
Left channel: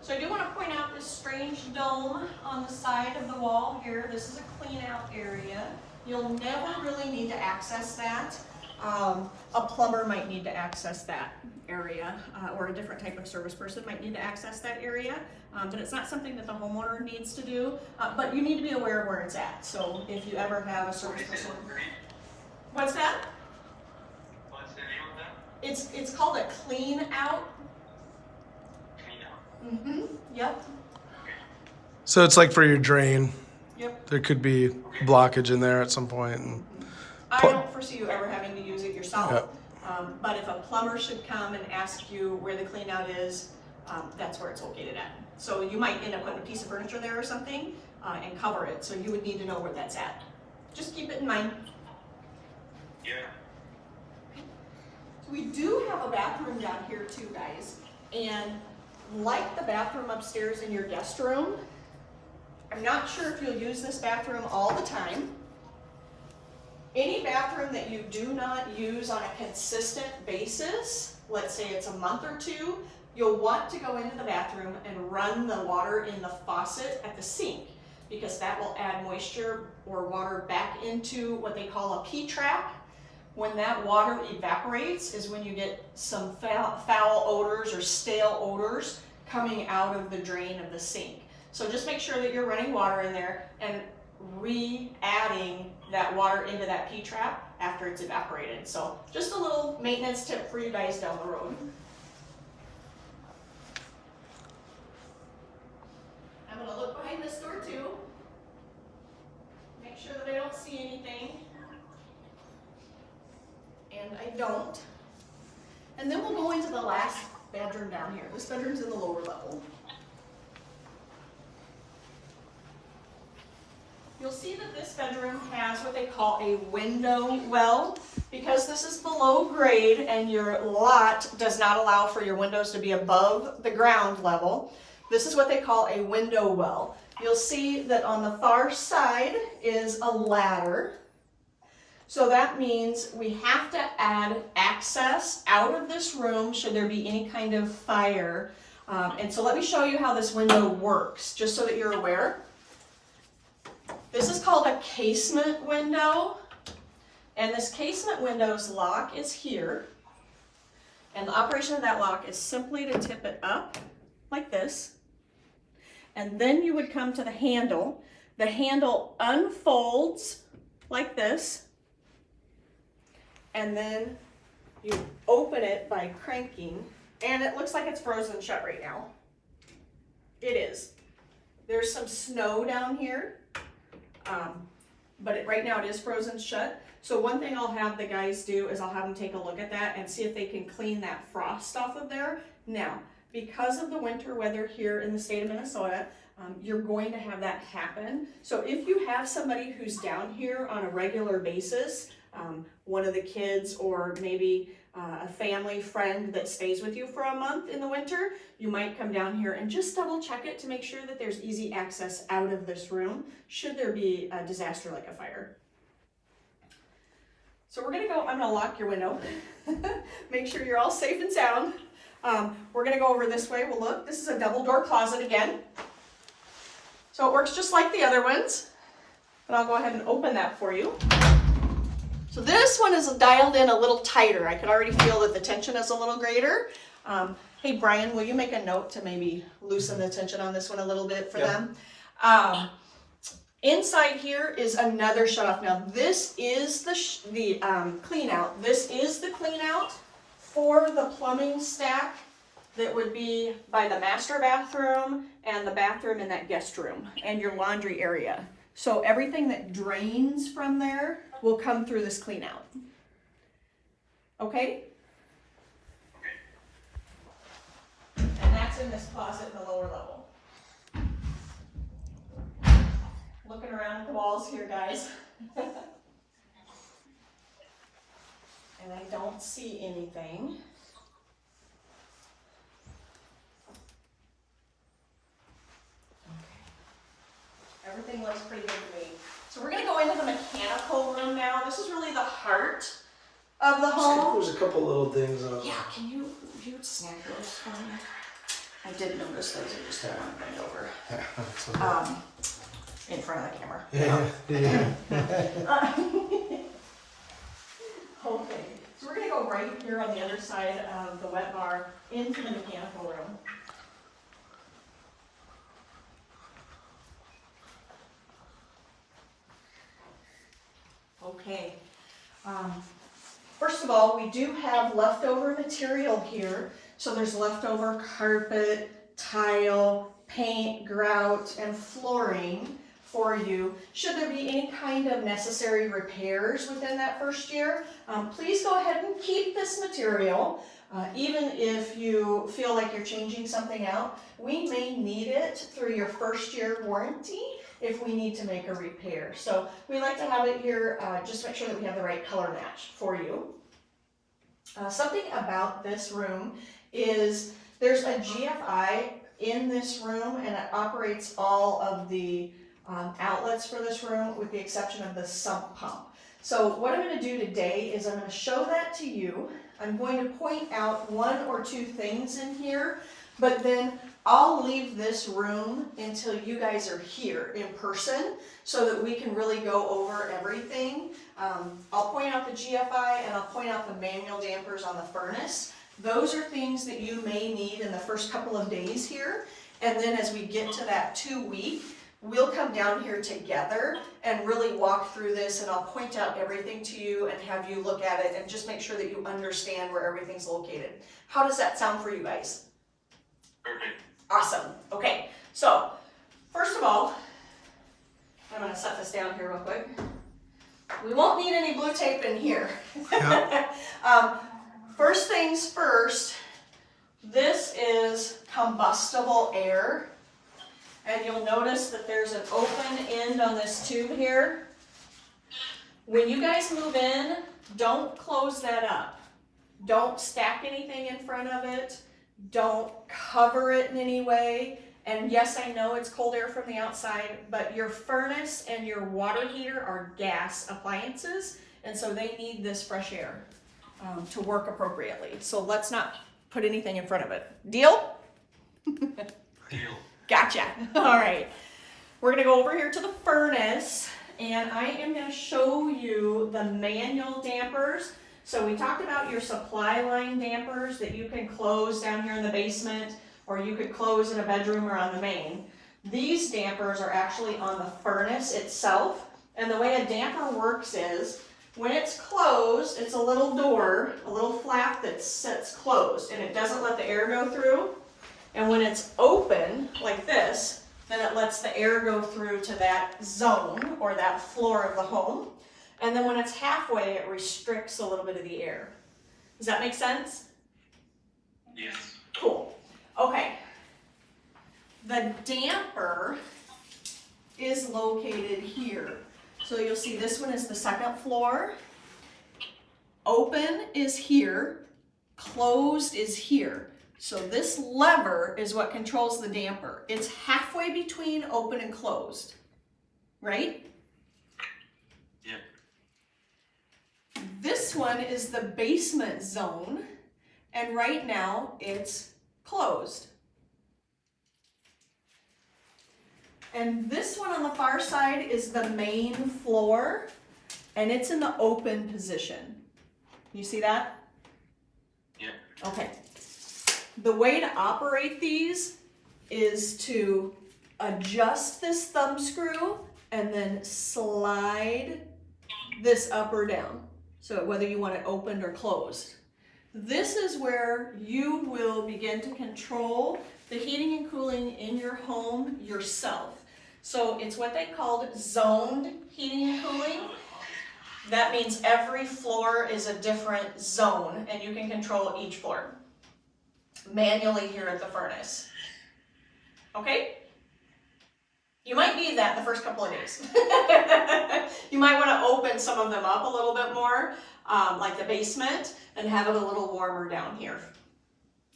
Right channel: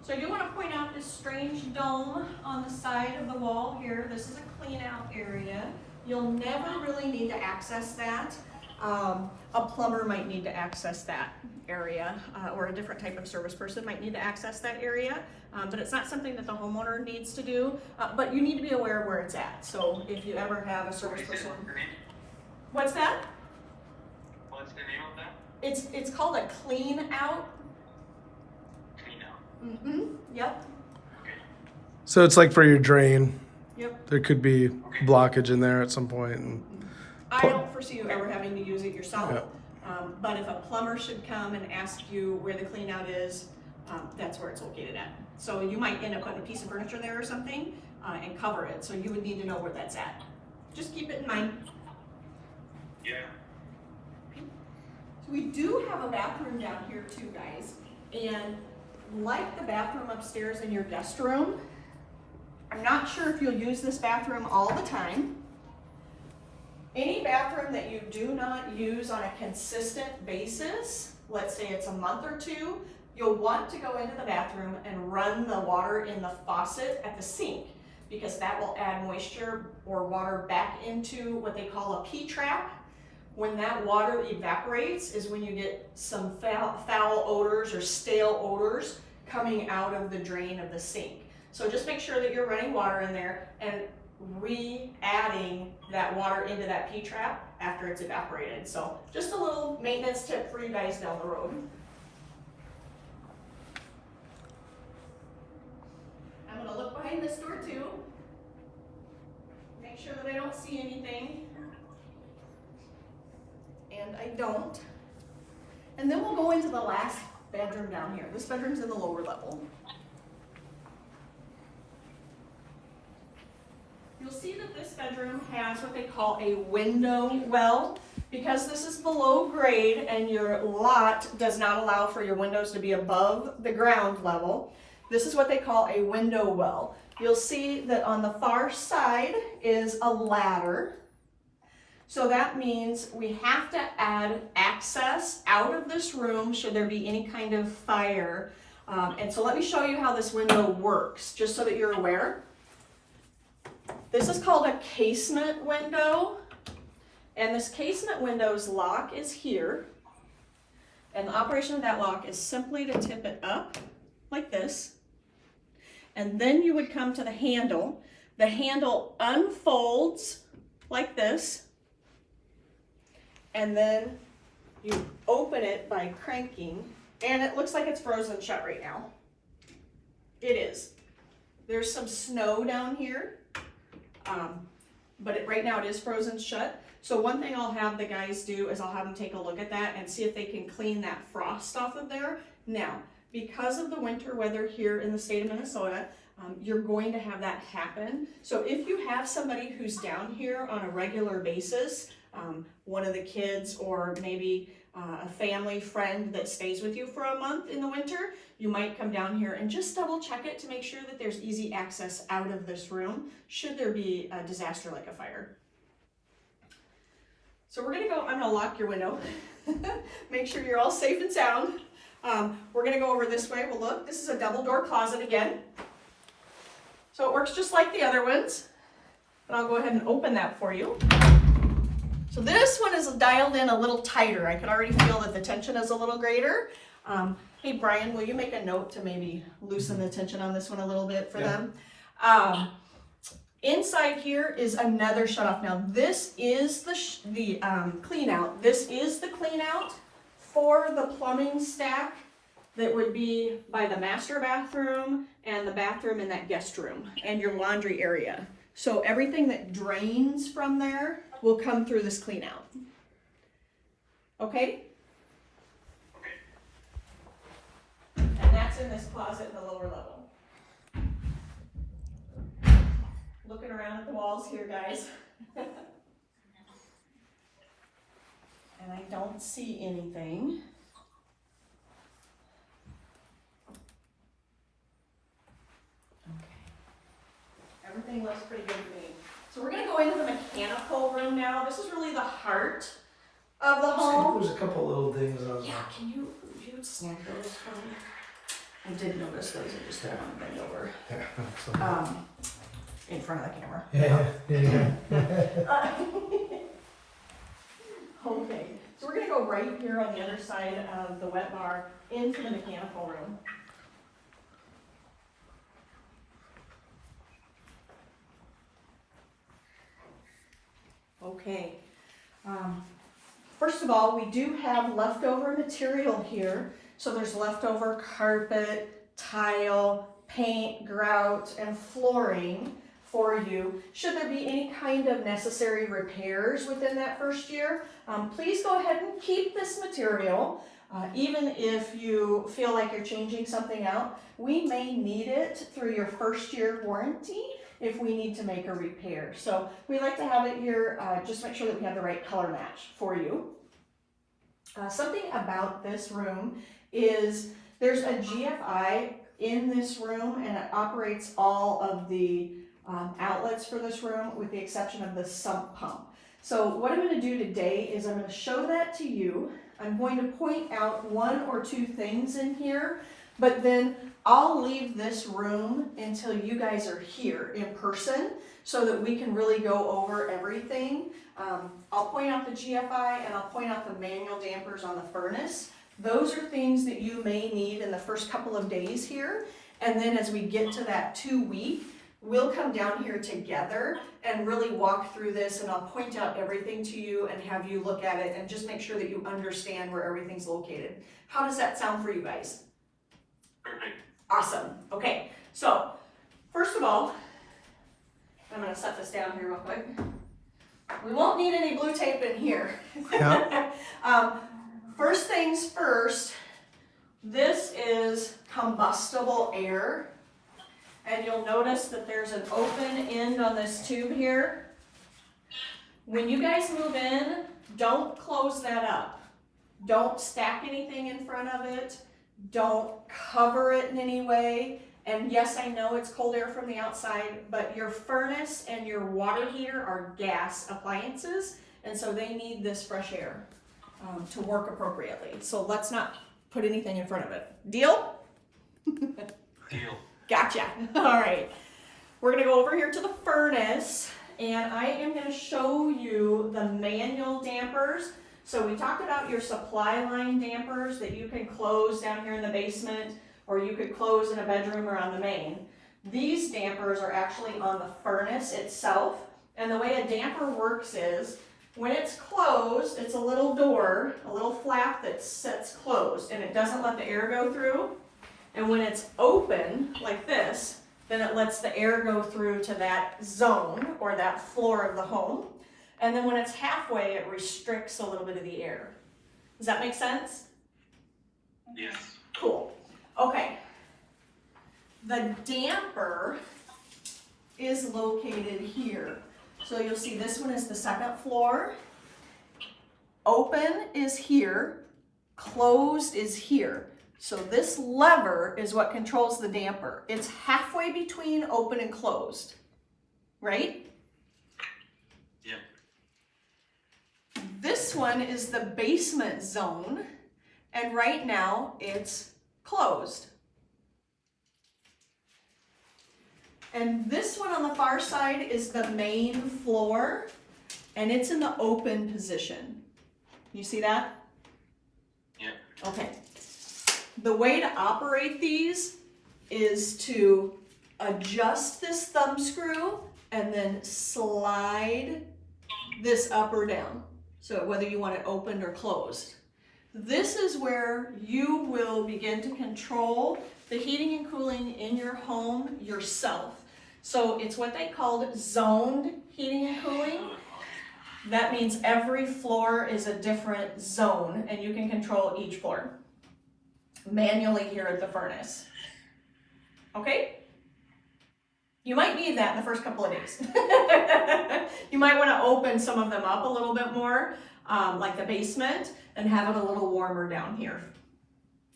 So I do want to point out this strange dome on the side of the wall here. This is a clean out area. You'll never really need to access that. A plumber might need to access that area, or a different type of service person might need to access that area, but it's not something that the homeowner needs to do, but you need to be aware of where it's at. So if you ever have a service person. What's that? What's the name of that? It's called a clean out. Clean out. Mm-hmm, yep, So it's like for your drain. yep. There could be blockage in there at some point. And I don't foresee you ever having to use it yourself, Yep. But if a plumber should come and ask you where the clean out is, that's where it's located at. So you might end up putting a piece of furniture there or something and cover it, so you would need to know where that's at. Just keep it in mind. Yeah. So we do have a bathroom down here too, guys, and like the bathroom upstairs in your guest room, I'm not sure if you'll use this bathroom all the time. Any bathroom that you do not use on a consistent basis, let's say it's a month or two, you'll want to go into the bathroom and run the water in the faucet at the sink, because that will add moisture or water back into what they call a P-trap. When that water evaporates is when you get some foul odors or stale odors coming out of the drain of the sink. So just make sure that you're running water in there and re-adding that water into that P-trap after it's evaporated. So just a little maintenance tip for you guys down the road. I'm gonna look behind this door too. Make sure that I don't see anything. And I don't. And then we'll go into the last bedroom down here. This bedroom's in the lower level. You'll see that this bedroom has what they call a window well. Because this is below grade and your lot does not allow for your windows to be above the ground level, this is what they call a window well. You'll see that on the far side is a ladder. So that means we have to add access out of this room should there be any kind of fire. And so let me show you how this window works, just so that you're aware. This is called a casement window. And this casement window's lock is here. And the operation of that lock is simply to tip it up like this. And then you would come to the handle. The handle unfolds like this. And then you open it by cranking. And it looks like it's frozen shut right now. It is. There's some snow down here, but right now it is frozen shut. So one thing I'll have the guys do is I'll have them take a look at that and see if they can clean that frost off of there. Now, because of the winter weather here in the state of Minnesota, you're going to have that happen. So if you have somebody who's down here on a regular basis, one of the kids or maybe a family friend that stays with you for a month in the winter, you might come down here and just double check it to make sure that there's easy access out of this room should there be a disaster like a fire. So we're gonna go, I'm gonna lock your window, make sure you're all safe and sound. We're gonna go over this way. Well, look, this is a double door closet again. So it works just like the other ones, and I'll go ahead and open that for you. So this one is dialed in a little tighter. I can already feel that the tension is a little greater. Hey Brian, will you make a note to maybe loosen the tension on this one a little bit for them? Inside here is another shutoff. Now this is the clean out. This is the clean out for the plumbing stack that would be by the master bathroom and the bathroom in that guest room and your laundry area. So everything that drains from there will come through this clean out. Okay? And that's in this closet in the lower level. Looking around at the walls here, guys. And I don't see anything. Everything looks pretty good to me. So we're going to go into the mechanical room now. This is really the heart of the home. There's a couple little things on. Yeah, can you snap those for me? I did notice those. I just don't want to bend over. In front of the camera. Yeah. Okay, so we're going to go right here on the other side of the wet bar into the mechanical room. Okay, first of all, we do have leftover material here. So there's leftover carpet, tile, paint, grout, and flooring for you. Should there be any kind of necessary repairs within that first year, please go ahead and keep this material. Even if you feel like you're changing something out, we may need it through your first year warranty if we need to make a repair. So we like to have it here, just make sure that we have the right color match for you. Something about this room is there's a GFI in this room and it operates all of the outlets for this room with the exception of the sump pump. So what I'm going to do today is I'm going to show that to you. I'm going to point out one or two things in here, but then I'll leave this room until you guys are here in person so that we can really go over everything. I'll point out the GFI and I'll point out the manual dampers on the furnace. Those are things that you may need in the first couple of days here. And then as we get to that 2 week, we'll come down here together and really walk through this, and I'll point out everything to you and have you look at it and just make sure that you understand where everything's located. How does that sound for you guys? Perfect. Awesome. Okay, so first of all, I'm going to set this down here real quick. We won't need any blue tape in here. Yeah. First things first, this is combustible air. And you'll notice that there's an open end on this tube here. When you guys move in, don't close that up. Don't stack anything in front of it. Don't cover it in any way. And yes, I know it's cold air from the outside, but your furnace and your water heater are gas appliances, and so they need this fresh air to work appropriately. So let's not put anything in front of it. Deal? Deal. Gotcha. All right. We're going to go over here to the furnace, and I am going to show you the manual dampers. So we talked about your supply line dampers that you can close down here in the basement, or you could close in a bedroom or on the main. These dampers are actually on the furnace itself, and the way a damper works is when it's closed, it's a little door, a little flap that sits closed, and it doesn't let the air go through. And when it's open, like this, then it lets the air go through to that zone or that floor of the home. And then when it's halfway, it restricts a little bit of the air. Does that make sense? Yes. Cool. Okay. The damper is located here. So you'll see this one is the second floor. Open is here. Closed is here. So this lever is what controls the damper. It's halfway between open and closed, right? Yep. This one is the basement zone, and right now it's closed. And this one on the far side is the main floor, and it's in the open position. You see that? Yep. Okay. The way to operate these is to adjust this thumb screw and then slide this up or down. So whether you want it opened or closed. This is where you will begin to control the heating and cooling in your home yourself. So it's what they called zoned heating and cooling. That means every floor is a different zone and you can control each floor manually here at the furnace. Okay? You might need that in the first couple of days. You might want to open some of them up a little bit more, like the basement, and have it a little warmer down here.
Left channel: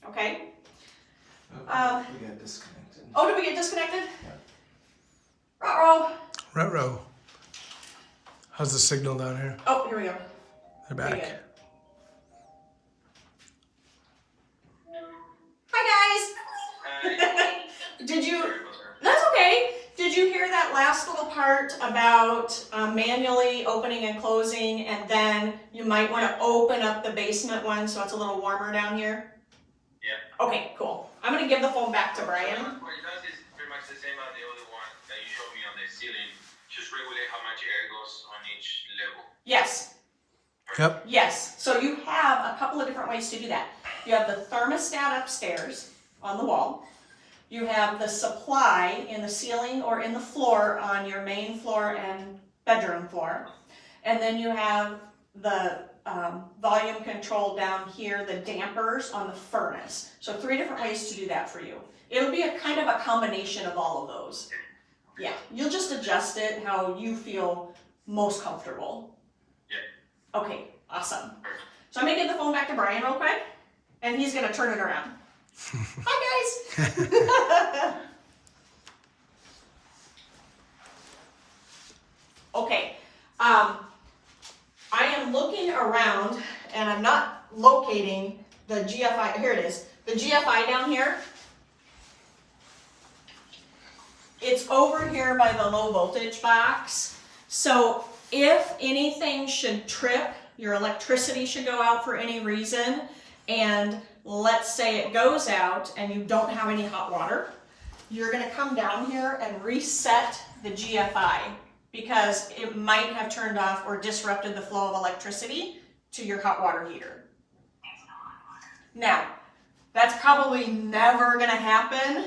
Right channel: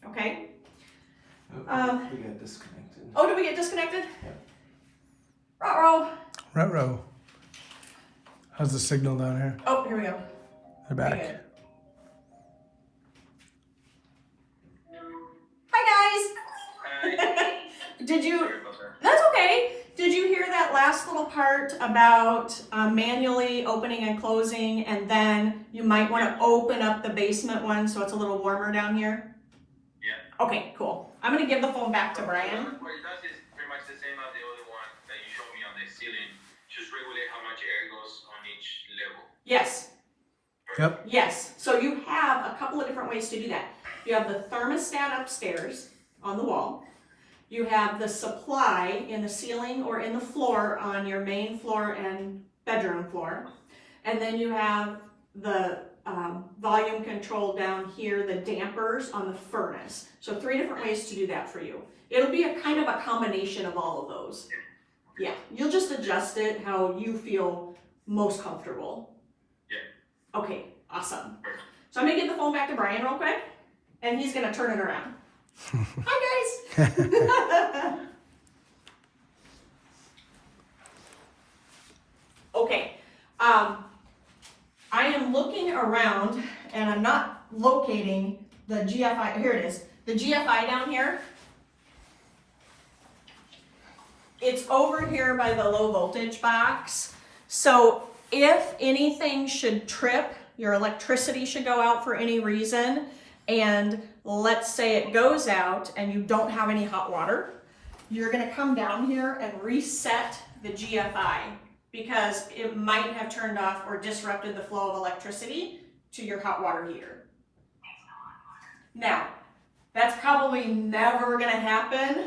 Okay? We got disconnected. Oh, did we get disconnected? Yeah. Ruh-roh. Ruh-roh. How's the signal down here? Oh, here we go. They're Pretty back. good. Hi guys. Did you? Sorry about that. That's okay. Did you hear that last little part about manually opening and closing, and then you might want to open up the basement one so it's a little warmer down here? Yeah. Okay, cool. I'm gonna give the phone back to Brian. What it does is pretty much the same as the other one that you showed me on the ceiling. Just regulate how much air goes on each level. Yes. Yep. Yes. So you have a couple of different ways to do that. You have the thermostat upstairs on the wall. You have the supply in the ceiling or in the floor on your main floor and bedroom floor. And then you have the volume control down here, the dampers on the furnace. So 3 different ways to do that for you. It'll be a kind of a combination of all of those. Yeah, you'll just adjust it how you feel most comfortable. Yeah. Okay, awesome. So I'm gonna give the phone back to Brian real quick, and he's gonna turn it around. Hi guys. Okay, I am looking around and I'm not locating the GFI. Here it is. The GFI down here. It's over here by the low voltage box. So if anything should trip, your electricity should go out for any reason, and let's say it goes out and you don't have any hot water, you're gonna come down here and reset the GFI because it might have turned off or disrupted the flow of electricity to your hot water heater. Now, that's probably never gonna happen,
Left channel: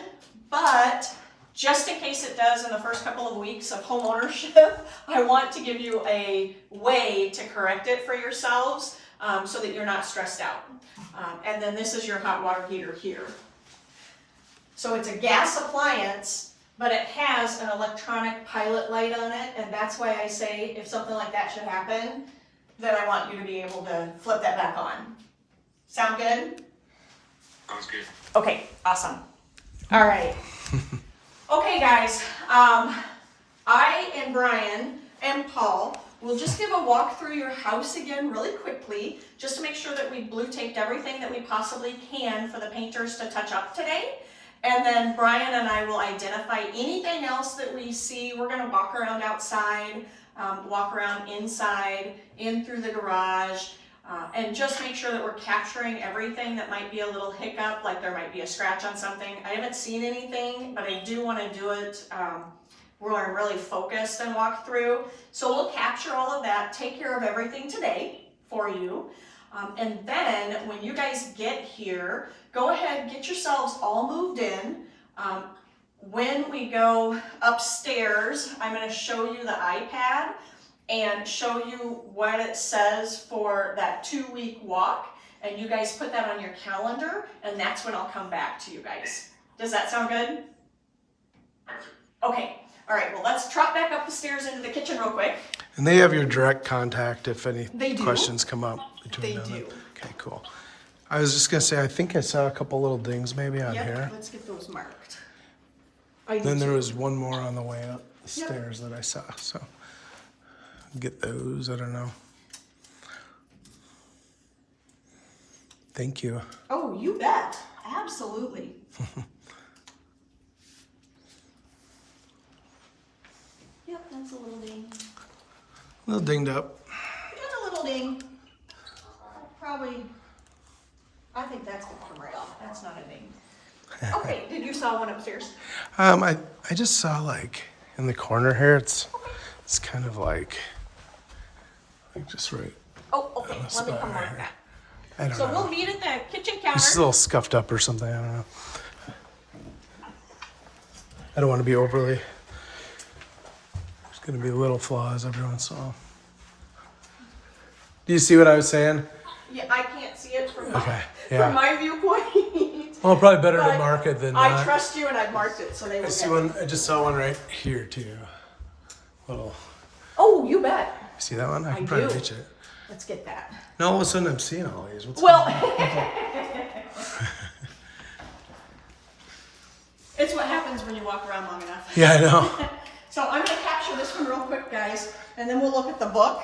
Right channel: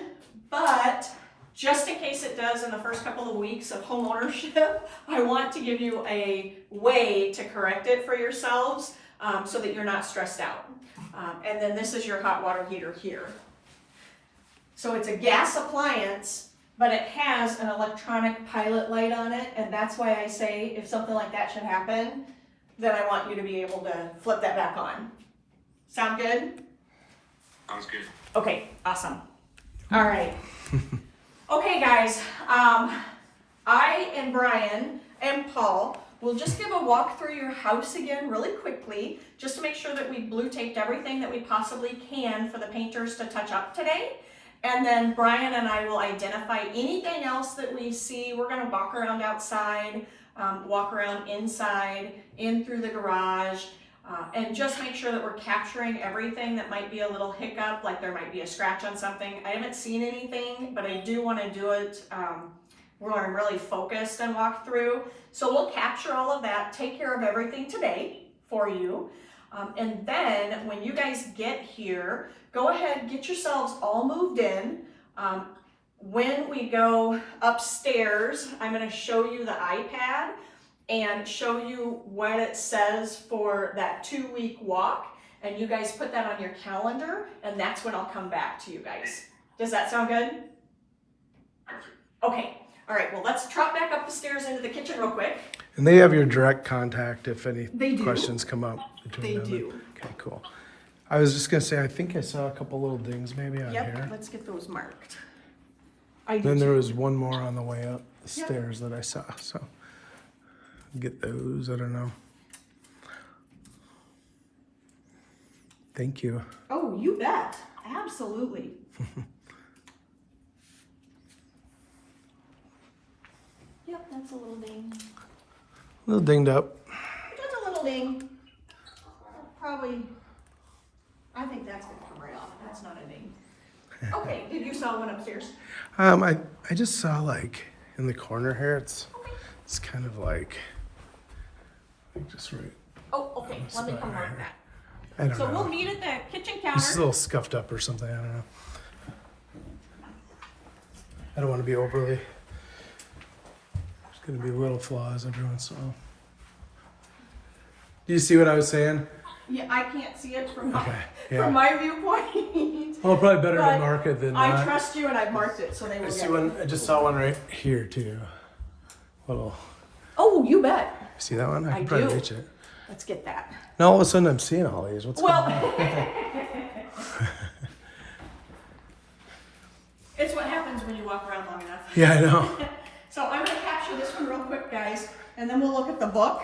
but just in case it does in the first couple of weeks of home ownership, I want to give you a way to correct it for yourselves so that you're not stressed out. And then this is your hot water heater here. So it's a gas appliance, but it has an electronic pilot light on it, and that's why I say if something like that should happen, then I want you to be able to flip that back on. Sound good? Sounds good. Okay, awesome. All right. Okay, guys, I and Brian and Paul will just give a walk through your house again really quickly, just to make sure that we blue taped everything that we possibly can for the painters to touch up today. And then Brian and I will identify anything else that we see. We're gonna walk around outside, walk around inside, in through the garage, and just make sure that we're capturing everything that might be a little hiccup, like there might be a scratch on something. I haven't seen anything, but I do want to do it where I'm really focused and walk through. So we'll capture all of that, take care of everything today for you. And then when you guys get here, go ahead, get yourselves all moved in. When we go upstairs, I'm going to show you the iPad and show you what it says for that 2-week walk. And you guys put that on your calendar, and that's when I'll come back to you guys. Does that sound good? Okay. All right. Well, let's trot back up the stairs into the kitchen real quick. And they have your direct contact if any They do. questions come up between They them. do. Okay, cool. I was just gonna say, I think I saw a couple little dings maybe on Yep. here. Let's get those marked. I do Then there too. was one more on the way up the stairs that I saw, so get those, I don't know. Thank you. Oh, you bet. Absolutely. Yep, that's a little ding. A little dinged up. Just a little ding. Probably, I think that's for real. That's not a ding. Okay, did you saw one upstairs? I just saw like in the corner here, it's kind of like just right Oh, okay. on the Let me spot come right around. here. I don't So know. we'll meet at the kitchen This is a counter. little scuffed up or something, I don't know. I don't want to be overly, there's gonna be little flaws every once in a while. Do you see what I was saying? Yeah, I can't see it from, Okay, yeah. from my viewpoint. Well, probably better to But mark it than I not. trust you and I've marked it, so they I would see get one, it. I just saw one right here too. Little, Oh, you bet. see that one? I can I probably do. reach it. Let's get that. Now all of a sudden I'm seeing all these. What's going on? Well, it's what happens when you walk around long enough. Yeah, I know. So I'm going to capture this one real quick, guys, and then we'll look at the book.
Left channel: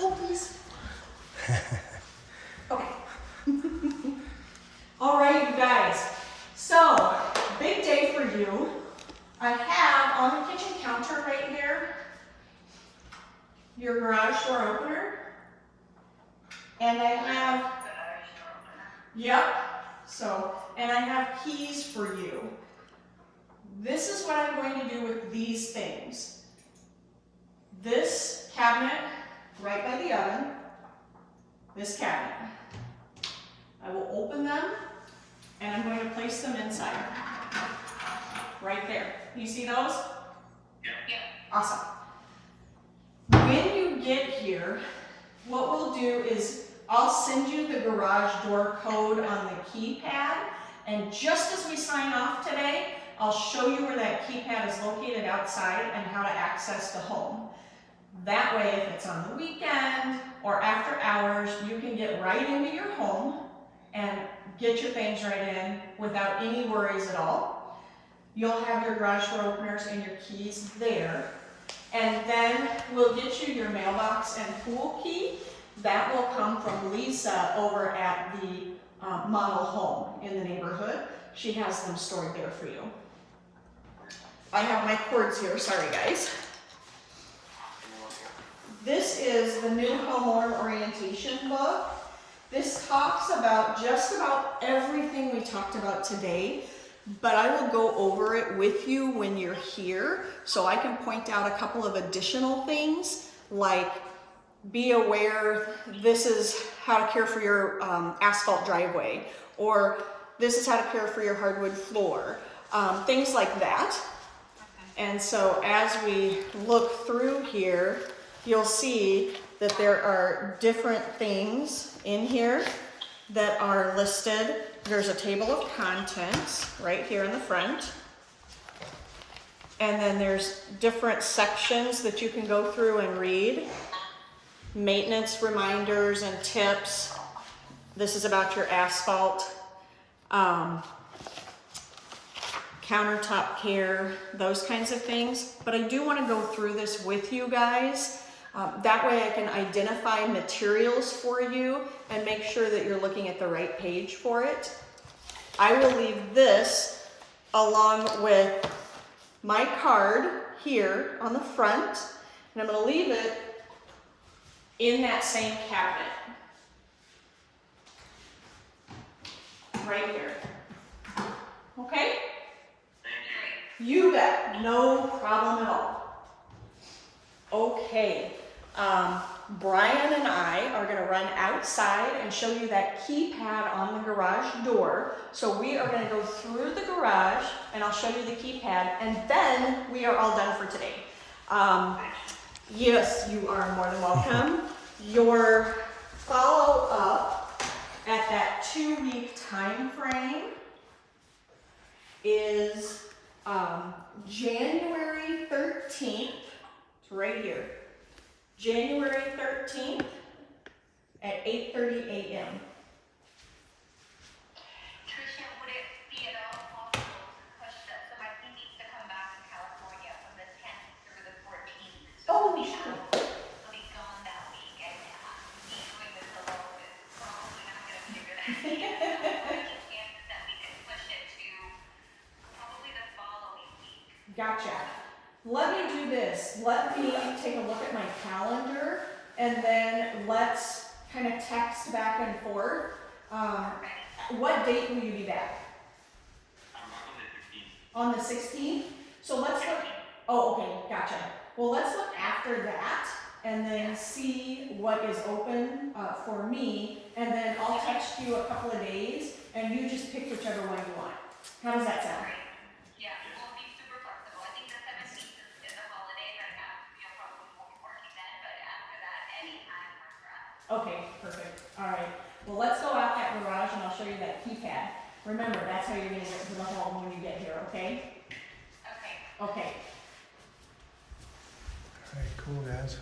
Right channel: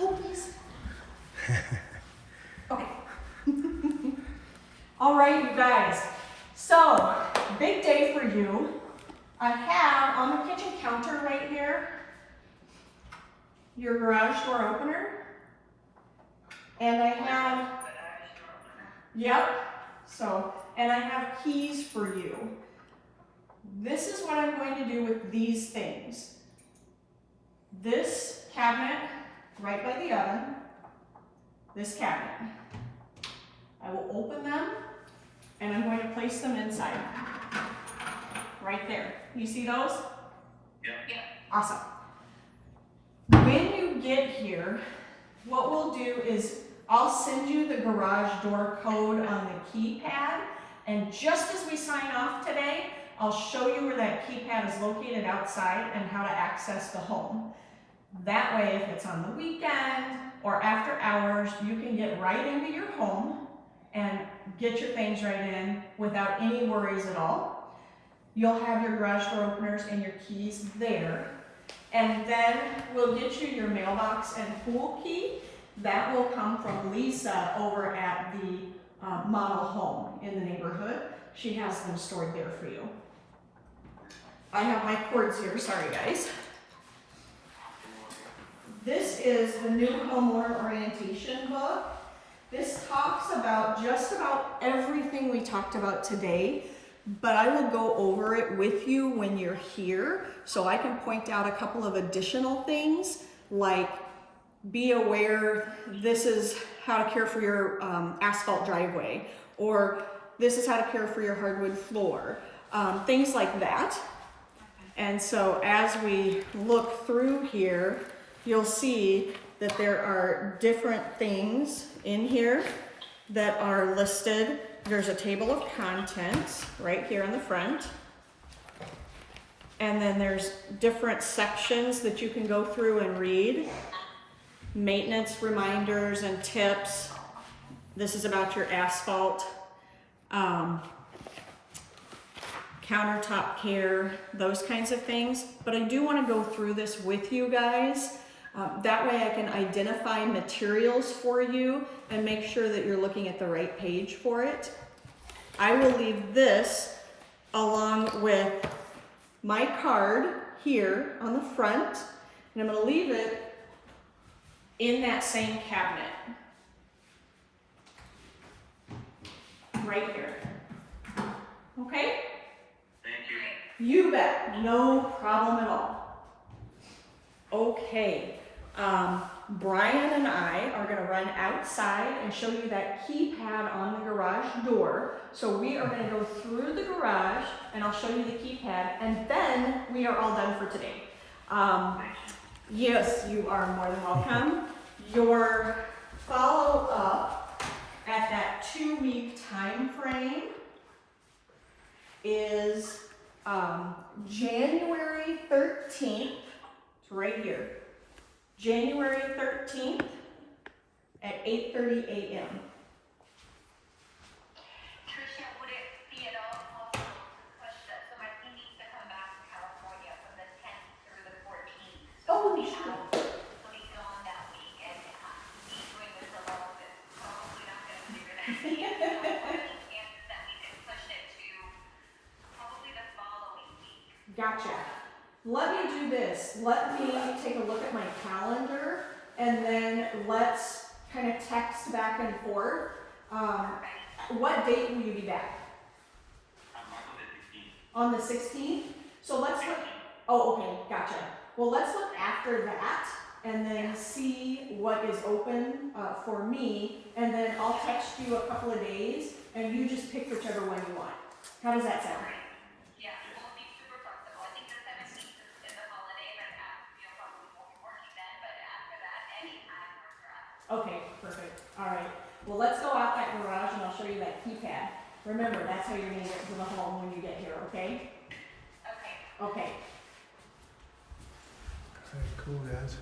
Oh, please. Okay. All right, you guys. So, big day for you. I have on the kitchen counter right here your garage door opener. And I have, yep, so, and I have keys for you. This is what I'm going to do with these things. This cabinet right by the oven, this cabinet. I will open them and I'm going to place them inside. Right there. You see those? Yeah. Awesome. When you get here, what we'll do is I'll send you the garage door code on the keypad, and just as we sign off today, I'll show you where that keypad is located outside and how to access the home. That way, if it's on the weekend or after hours, you can get right into your home and get your things right in without any worries at all. You'll have your garage door openers and your keys there. And then we'll get you your mailbox and pool key. That will come from Lisa over at the model home in the neighborhood. She has them stored there for you. I have my cords here, sorry guys. This is the new homeowner orientation book. This talks about just about everything we talked about today, but I will go over it with you when you're here, so I can point out a couple of additional things, like be aware this is how to care for your asphalt driveway, or this is how to care for your hardwood floor, things like that. And so as we look through here, you'll see that there are different things in here that are listed. There's a table of contents right here in the front. And then there's different sections that you can go through and read. Maintenance reminders and tips. This is about your asphalt. Countertop care, those kinds of things. But I do want to go through this with you guys. That way I can identify materials for you and make sure that you're looking at the right page for it. I will leave this along with my card here on the front, and I'm going to leave it in that same cabinet. right here. Okay? Thank you. You bet. No problem at all. Okay. Brian and I are going to run outside and show you that keypad on the garage door. So we are going to go through the garage and I'll show you the keypad and then we are all done for today. Yes, you are more than welcome. Your follow-up at that 2-week time frame is January 13th. It's right here. January 13th at 8:30 a.m. Tricia, would it be at all possible to push that? So my team needs to come back to California from the 10th through the 14th. Oh, we'll be sure. out, we'll be gone that week, and me doing this alone is probably not going to figure that out. What are the chances that we can push it to probably the following week? Gotcha. Let me do this. Let me take a look at my calendar and then let's kind of text back and forth. What date will you be back? I'm back on the 15th. On the 16th? So let's look. Oh, okay. Gotcha. Well, let's look after that and then see what is open for me. And then I'll text you a couple of days and you just pick whichever one you want. How does that sound? Yeah, we'll be super flexible. I think the 17th is a holiday, but you'll probably won't be working then, but after that, any time works for us. Okay, perfect. All right. Well, let's go out that garage and I'll show you that keypad. Remember, that's how you're going to get to the home when you get here, okay? Okay. Okay. All right, cool, guys.